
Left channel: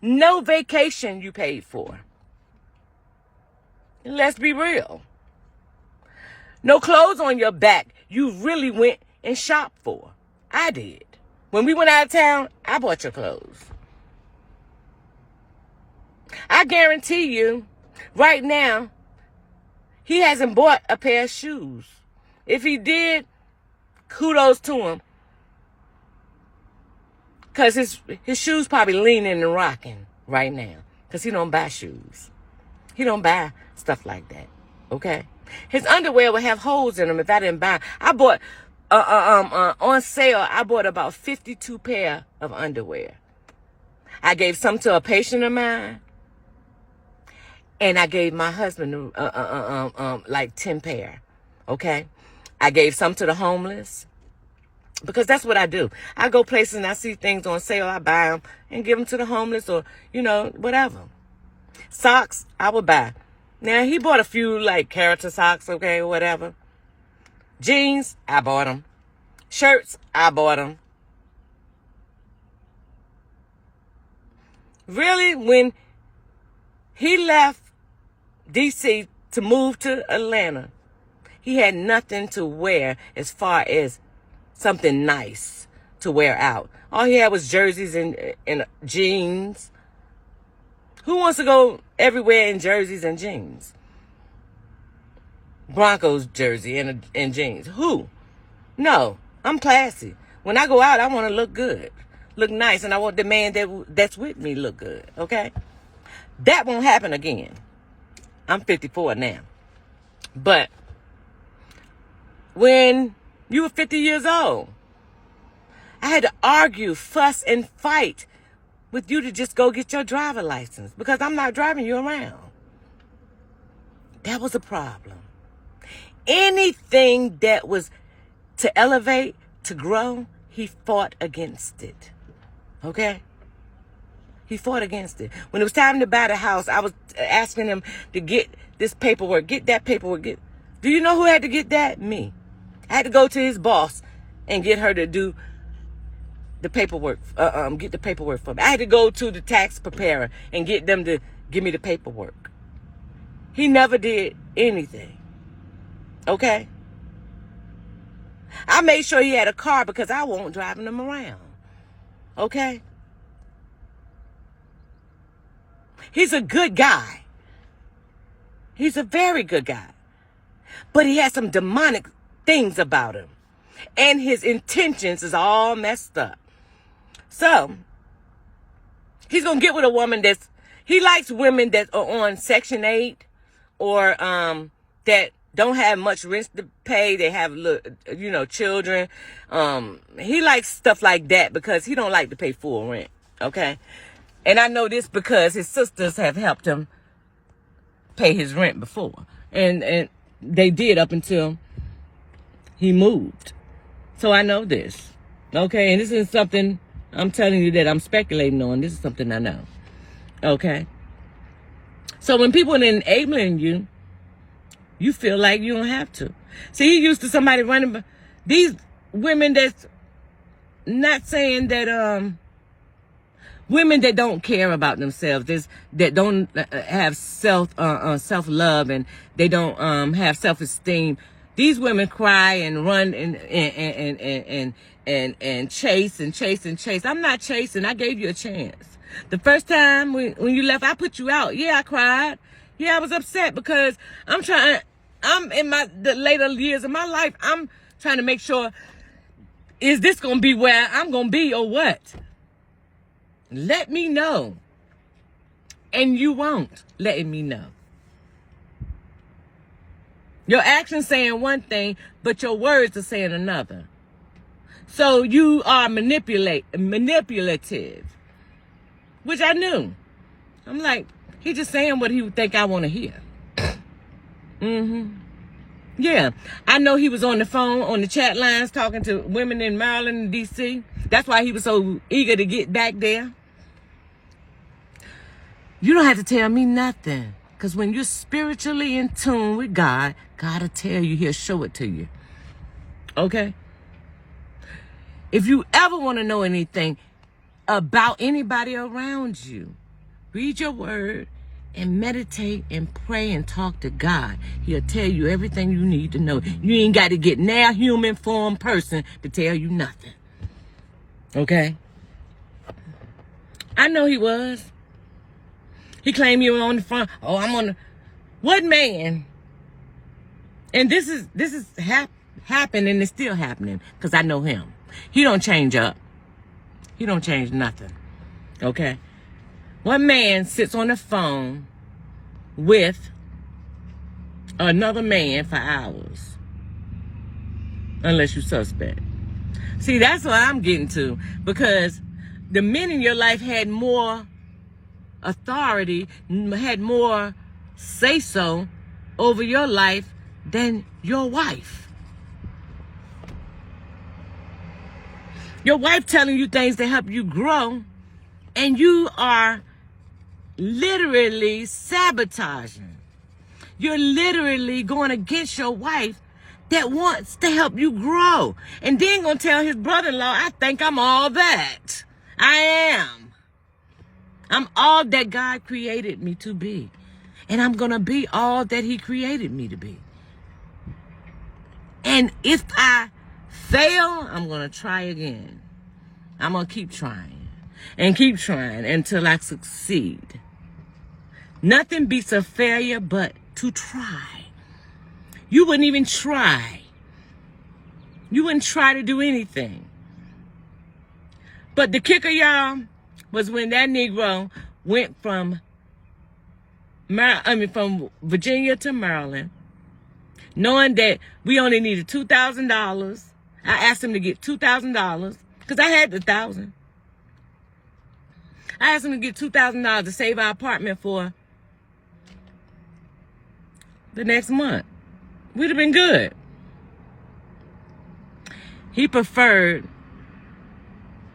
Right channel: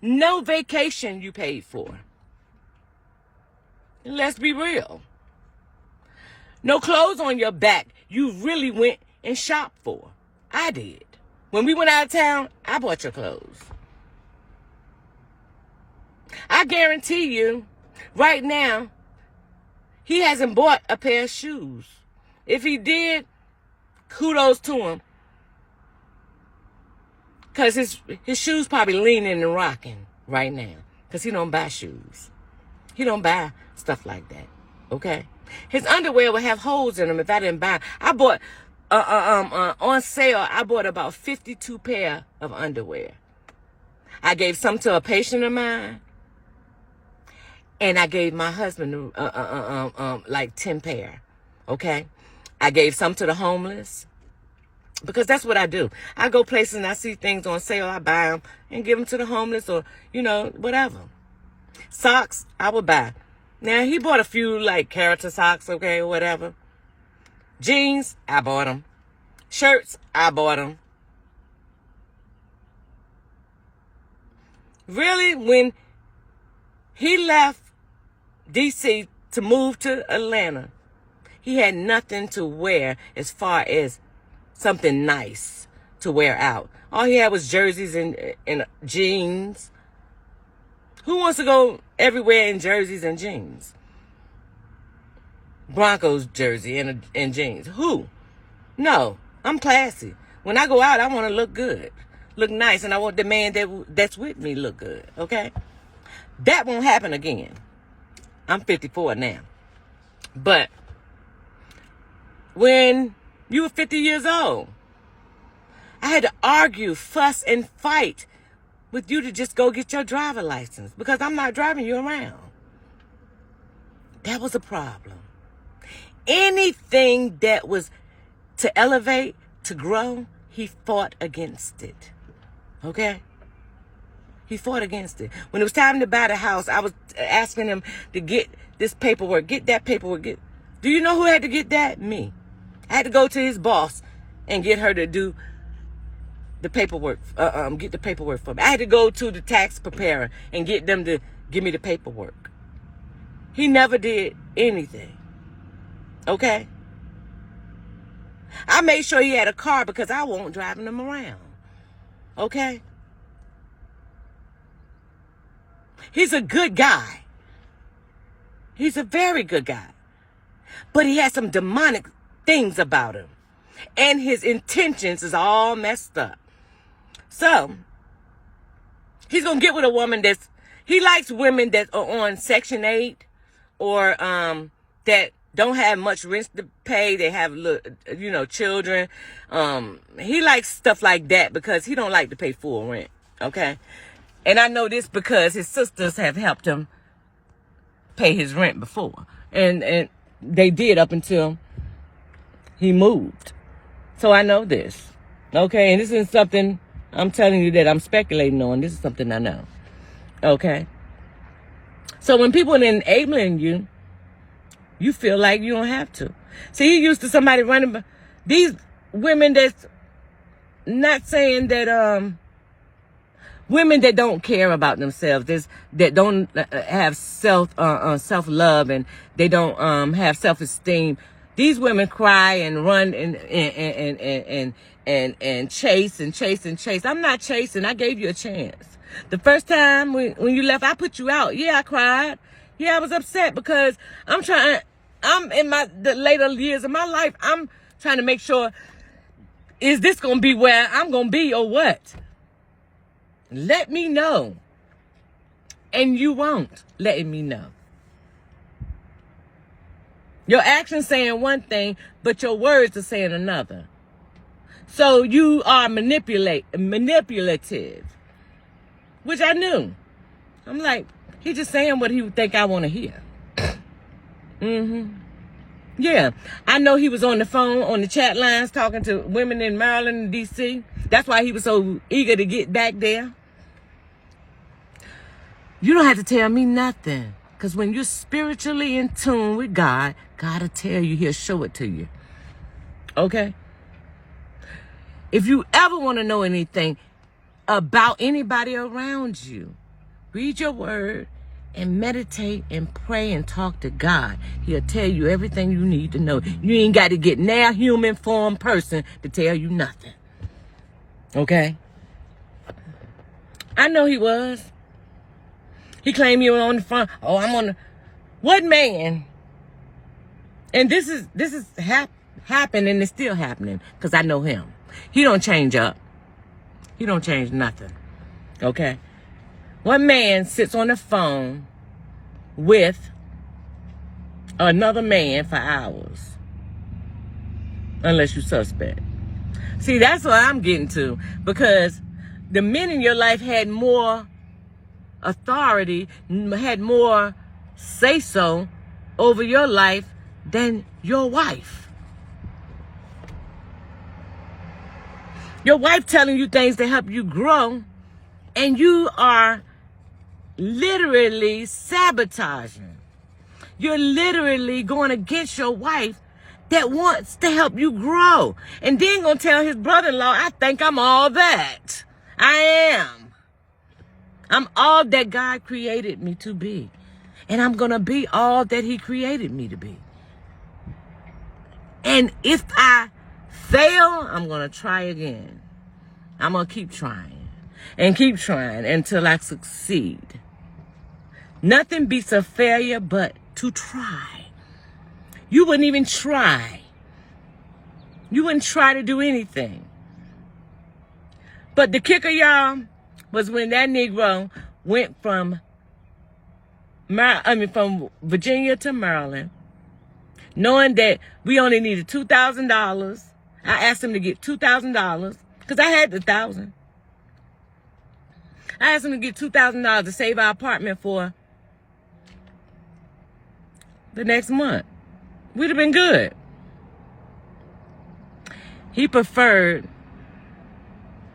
No vacation you paid for. And let's be real. No clothes on your back you really went and shopped for. I did. When we went out of town, I bought your clothes. I guarantee you, right now, he hasn't bought a pair of shoes. If he did, kudos to him. Because his shoes probably leaning and rocking right now. Because he don't buy shoes. He don't buy stuff like that. Okay? His underwear would have holes in them if I didn't buy. I bought, on sale, I bought about 52 pair of underwear. I gave some to a patient of mine. And I gave my husband like 10 pair. Okay? I gave some to the homeless. Because that's what I do. I go places and I see things on sale. I buy them and give them to the homeless or, whatever. Socks, I would buy. Now, he bought a few, like, character socks, okay, or whatever. Jeans, I bought them. Shirts, I bought them. Really, when he left D.C. to move to Atlanta, he had nothing to wear as far as something nice to wear out. All he had was jerseys and jeans. Who wants to go everywhere in jerseys and jeans? Broncos jersey and jeans. Who? No, I'm classy. When I go out, I want to look good, look nice, and I want the man that's with me look good, okay? That won't happen again. I'm 54 now. But when you were 50 years old, I had to argue, fuss, and fight with you to just go get your driver license because I'm not driving you around. That was a problem. Anything that was to elevate, to grow, he fought against it. Okay? He fought against it. When it was time to buy the house, I was asking him to get this paperwork, get that paperwork. Do you know who had to get that? Me. I had to go to his boss and get her to do the paperwork, get the paperwork for me. I had to go to the tax preparer and get them to give me the paperwork. He never did anything. Okay? I made sure he had a car because I won't driving him around. Okay? He's a good guy. He's a very good guy. But he has some demonic things about him. And his intentions is all messed up. So, he's going to get with a woman he likes women that are on Section 8 or that don't have much rent to pay. They have, children. He likes stuff like that because he don't like to pay full rent. Okay? And I know this because his sisters have helped him pay his rent before. And they did up until he moved. So I know this. Okay? And this is something I'm telling you that I'm speculating on. This is something I know. Okay? So when people are enabling you, you feel like you don't have to. See, he used to somebody running. These women that's not saying that, women that don't care about themselves, that don't have self-love and they don't have self-esteem. These women cry and run and chase and chase and chase. I'm not chasing. I gave you a chance. The first time when you left, I put you out. Yeah, I cried. Yeah, I was upset because I'm in the later years of my life, I'm trying to make sure, is this going to be where I'm going to be or what? Let me know. And you won't let me know. Your actions saying one thing, but your words are saying another. So you are manipulative, which I knew. I'm like, he just saying what he would think I want to hear. Yeah, I know he was on the phone, on the chat lines, talking to women in Maryland and D.C. That's why he was so eager to get back there. You don't have to tell me nothing. Because when you're spiritually in tune with God, God will tell you, he'll show it to you. Okay? If you ever want to know anything about anybody around you, read your word and meditate and pray and talk to God. He'll tell you everything you need to know. You ain't got to get now human form person to tell you nothing. Okay? I know he was. He claimed you were on the front. Oh, I'm on the... What man? And this is happened and it's still happening because I know him. He don't change up. He don't change nothing. Okay? What man sits on the phone with another man for hours? Unless you suspect. See, that's what I'm getting to. Because the men in your life had more authority, had more say-so over your life than your wife. Your wife telling you things to help you grow, and you are literally sabotaging. You're literally going against your wife that wants to help you grow. And then gonna tell his brother-in-law, I think I'm all that. I am. I'm all that God created me to be. And I'm going to be all that he created me to be. And if I fail, I'm going to try again. I'm going to keep trying and keep trying until I succeed. Nothing beats a failure but to try. You wouldn't even try. You wouldn't try to do anything. But the kicker, y'all, was when that Negro went from Virginia to Maryland, knowing that we only needed $2,000. I asked him to get $2,000 because I had the $1,000. I asked him to get $2,000 to save our apartment for the next month. We'd have been good. He preferred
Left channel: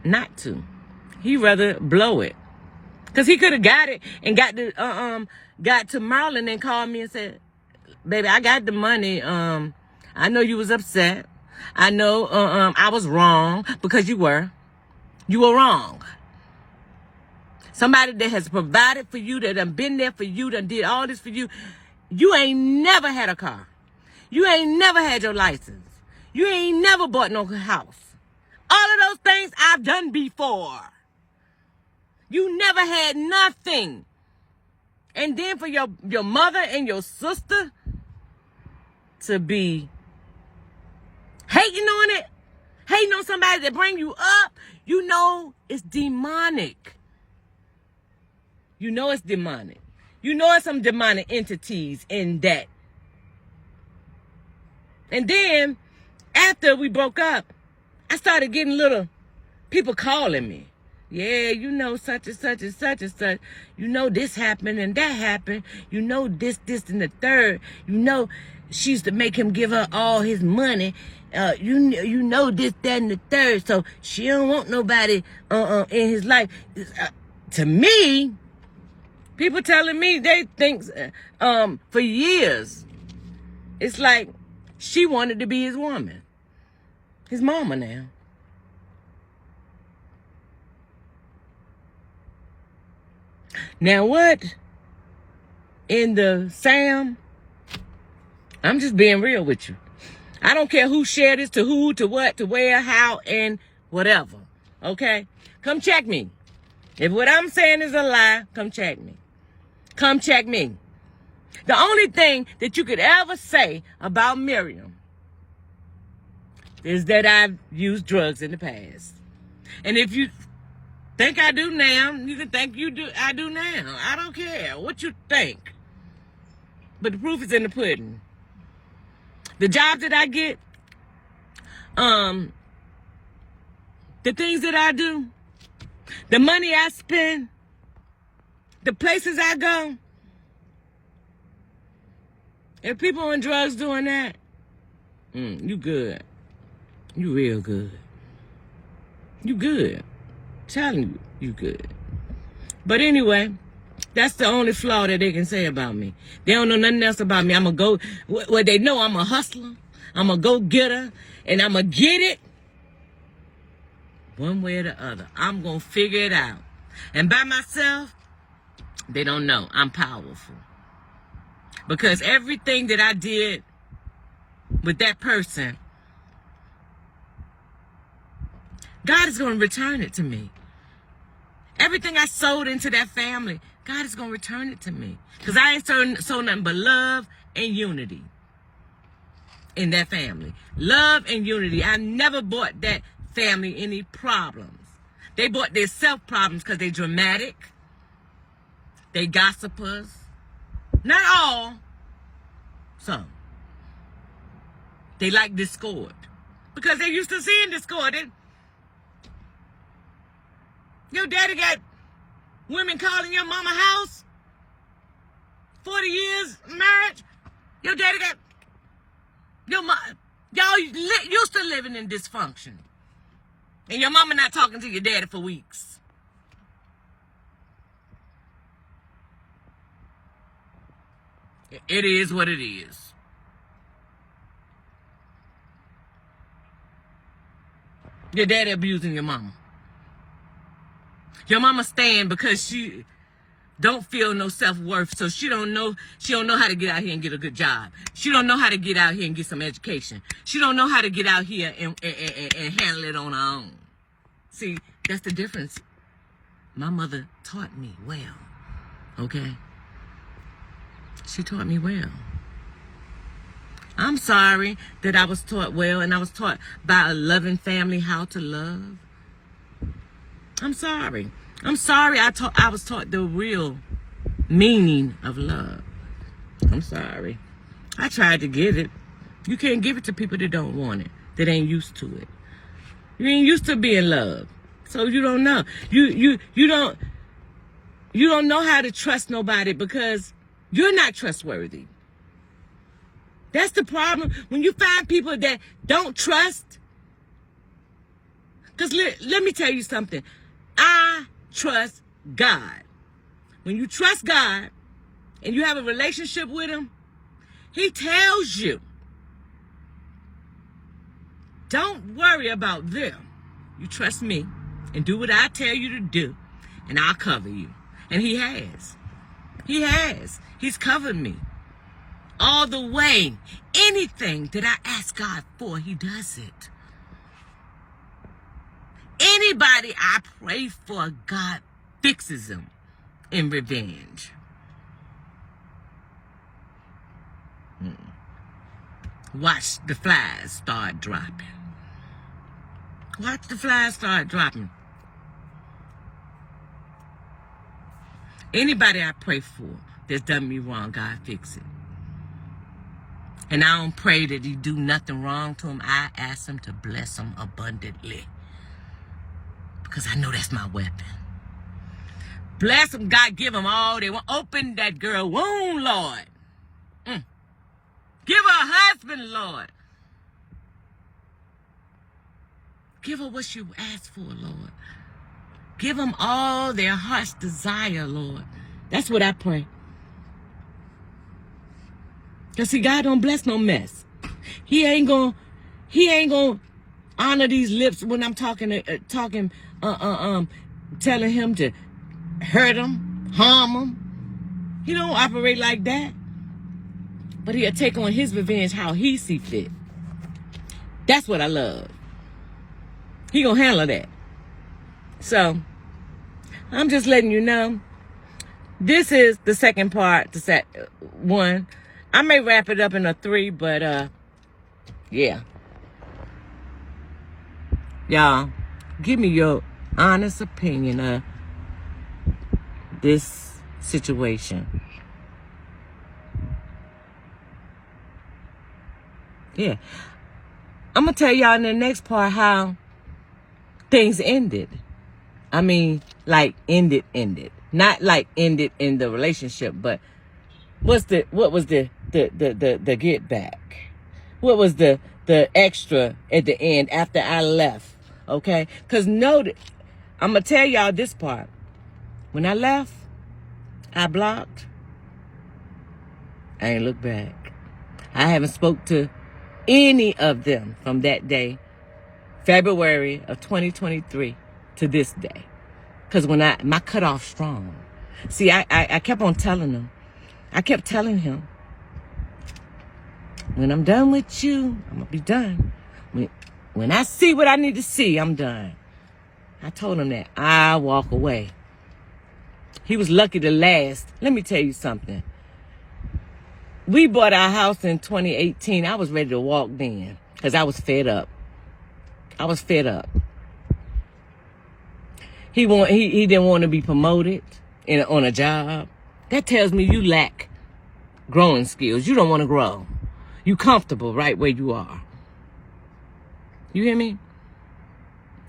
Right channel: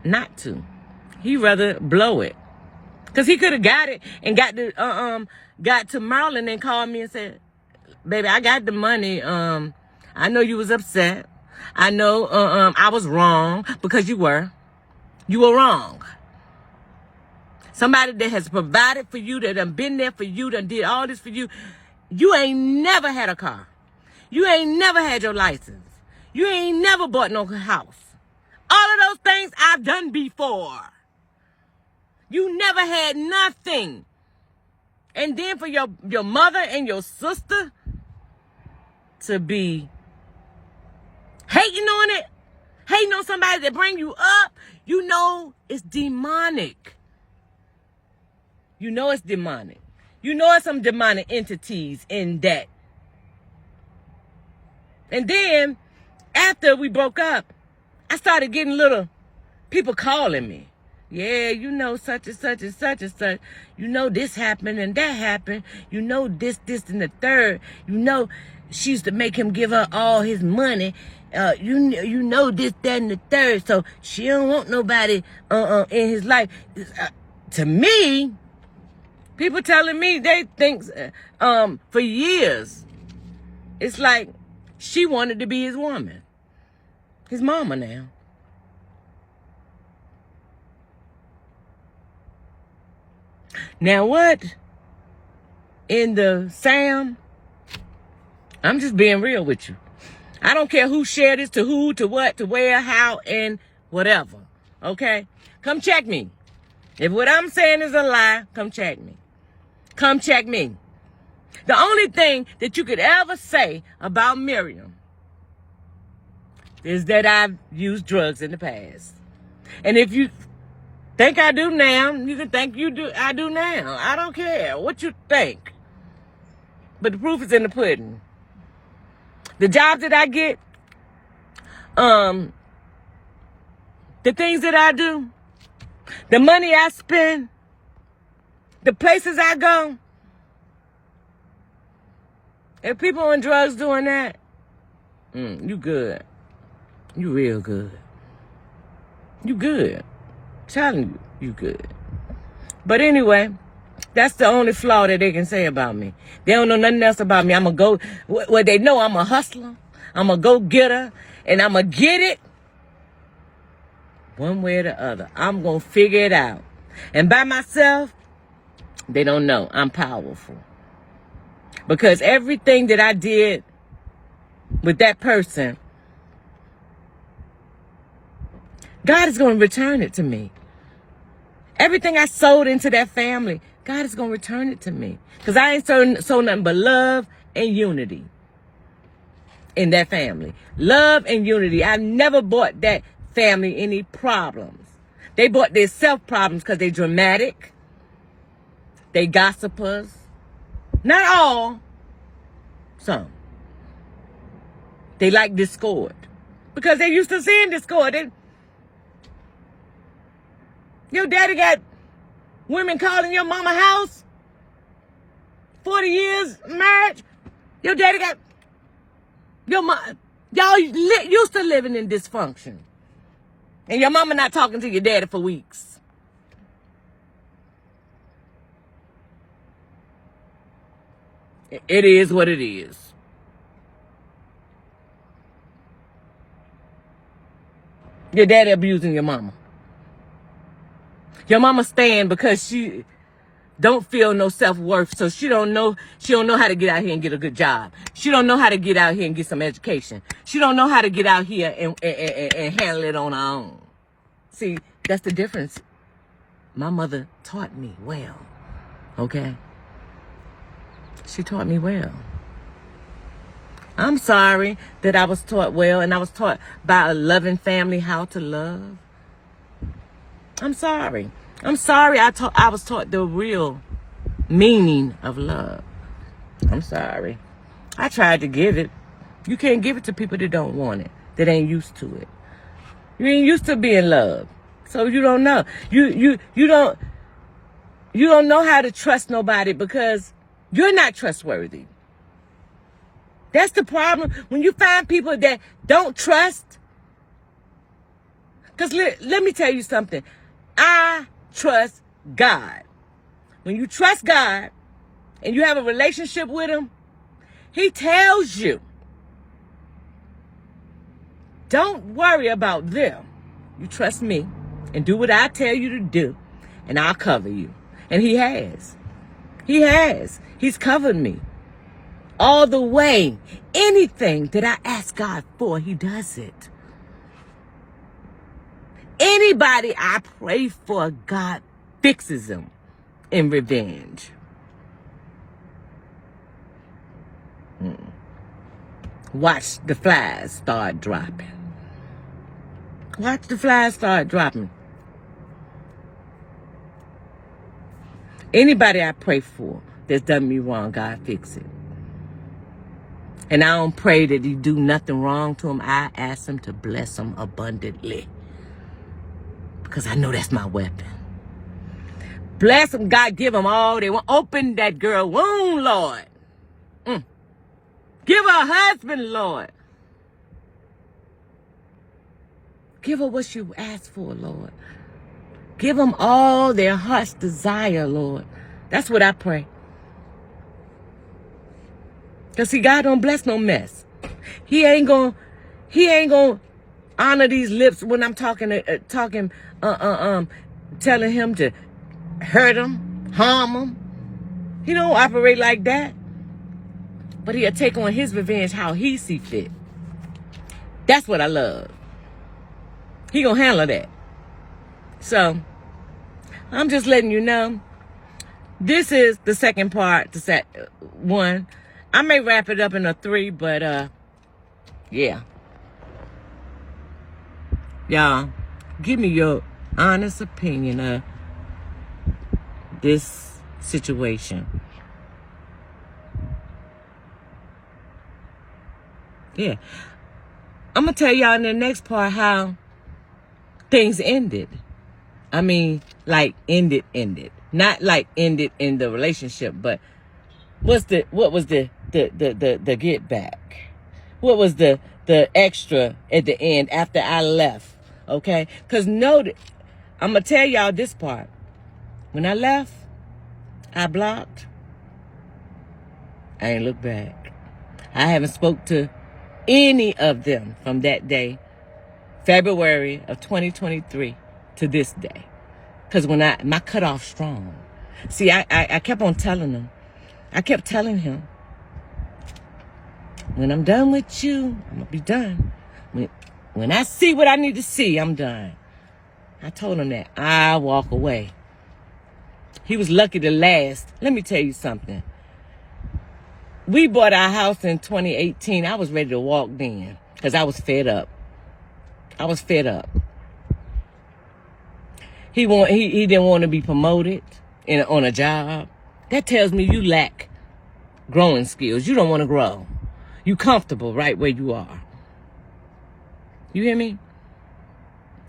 not to. He'd rather blow it. Because he could have got it and got to Maryland and called me and said, baby, I got the money. I know you was upset. I know I was wrong, because you were. You were wrong. Somebody that has provided for you, that done been there for you, that did all this for you. You ain't never had a car. You ain't never had your license. You ain't never bought no house. All of those things I've done before. You never had nothing. And then for your mother and your sister to be hating on it, hating on somebody that bring you up, you know it's demonic. You know it's demonic. You know it's some demonic entities in that. And then, after we broke up, I started getting little people calling me. Yeah, you know, such and such and such and such. You know, this happened and that happened. You know, this and the third. You know, she used to make him give her all his money. You know, this, that, and the third. So she don't want nobody in his life. To me, people telling me they think for years, it's like she wanted to be his woman. His mama now. Now what? In the Sam, I'm just being real with you. I don't care who shared this, to who, to what, to where, how, and whatever. Okay? Come check me. If what I'm saying is a lie, come check me. Come check me. The only thing that you could ever say about Miriam is that I've used drugs in the past. And if you think I do now, you can think I do now. I don't care what you think. But the proof is in the pudding. The jobs that I get, the things that I do, the money I spend, the places I go. If people on drugs doing that, you good. You real good. You good. Telling you good. But anyway, that's the only flaw that they can say about me. They don't know nothing else about me. Well, they know I'm a hustler. I'm a go-getter. And I'm going to get it one way or the other. I'm going to figure it out. And by myself, they don't know I'm powerful. Because everything that I did with that person, God is going to return it to me. Everything I sold into that family, God is going to return it to me. Because I ain't sold nothing but love and unity in that family. Love and unity. I never bought that family any problems. They bought their self problems because they dramatic. They gossipers. Not all. Some. They like discord. Because they used to seeing discord. Your daddy got women calling your mama house. 40 years marriage. Your daddy got your mom. Y'all used to living in dysfunction. And your mama not talking to your daddy for weeks. It is what it is. Your daddy abusing your mama. Your mama staying because she don't feel no self-worth, so she don't know how to get out here and get a good job. She don't know how to get out here and get some education. She don't know how to get out here and handle it on her own. See, that's the difference. My mother taught me well, okay? She taught me well. I'm sorry that I was taught well and I was taught by a loving family how to love. I'm sorry. I'm sorry I was taught the real meaning of love. I'm sorry. I tried to give it. You can't give it to people that don't want it, that ain't used to it. You ain't used to being loved. So you don't know. You don't know how to trust nobody because you're not trustworthy. That's the problem. When you find people that don't trust, because let me tell you something. I trust God. When you trust God and you have a relationship with him, he tells you, don't worry about them. You trust me and do what I tell you to do, and I'll cover you. And he has. He has. He's covered me. All the way. Anything that I ask God for, he does it. Anybody I pray for, God fixes them in revenge. Watch the flies start dropping. Watch the flies start dropping. Anybody I pray for that's done me wrong, God fix it. And I don't pray that he do nothing wrong to him. I ask him to bless him abundantly. Because I know that's my weapon. Bless them, God, give them all they want. Open that girl womb, Lord. Give her a husband, Lord. Give her what she asked for, Lord. Give them all their heart's desire, Lord. That's what I pray. Because see, God don't bless no mess. He ain't gonna honor these lips when I'm telling him to hurt him, harm him. He don't operate like that. But he'll take on his revenge how he see fit. That's what I love. He gonna handle that. So, I'm just letting you know. This is the second part, the set one. I may wrap it up in a 3, but yeah. Y'all, give me your honest opinion of this situation. Yeah. I'm going to tell y'all in the next part how things ended. I mean, like ended. Not like ended in the relationship, but what was the get back? What was the extra at the end after I left? Okay? Because note, I'm going to tell y'all this part. When I left, I blocked. I ain't looked back. I haven't spoke to any of them from that day, February of 2023, to this day. Because when my cutoff strong. See, I kept on telling them. I kept telling him, when I'm done with you, I'm going to be done. When I see what I need to see, I'm done. I told him that. I'll walk away. He was lucky to last. Let me tell you something. We bought our house in 2018. I was ready to walk then because I was fed up. I was fed up. He didn't want to be promoted on a job. That tells me you lack growing skills. You don't want to grow. You comfortable right where you are. You hear me?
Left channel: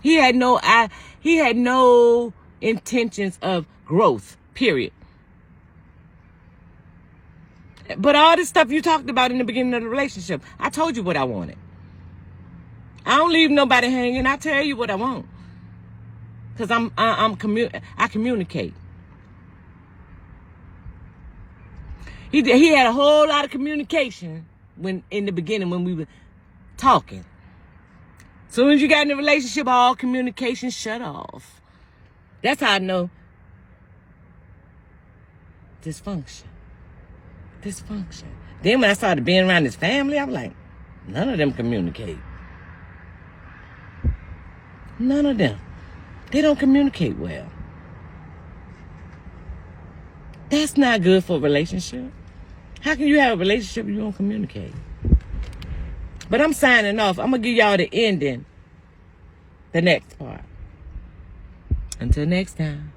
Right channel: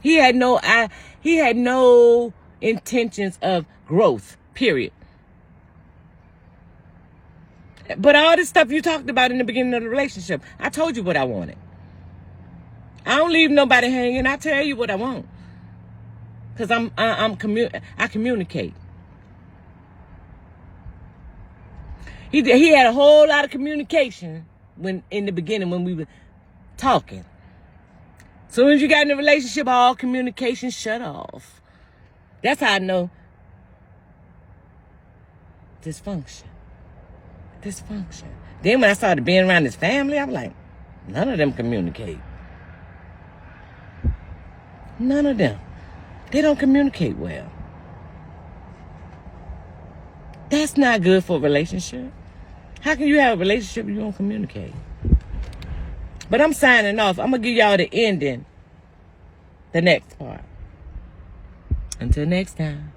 He had no intentions of growth, period. But all this stuff you talked about in the beginning of the relationship, I told you what I wanted. I don't leave nobody hanging. I tell you what I want. Because I communicate. He had a whole lot of communication in the beginning when we were talking. As soon as you got in a relationship, all communication shut off. That's how I know dysfunction. Then when I started being around his family, I was like, none of them communicate. None of them. They don't communicate well. That's not good for a relationship. How can you have a relationship if you don't communicate? But I'm signing off. I'm going to give y'all the ending, the next part. Until next time.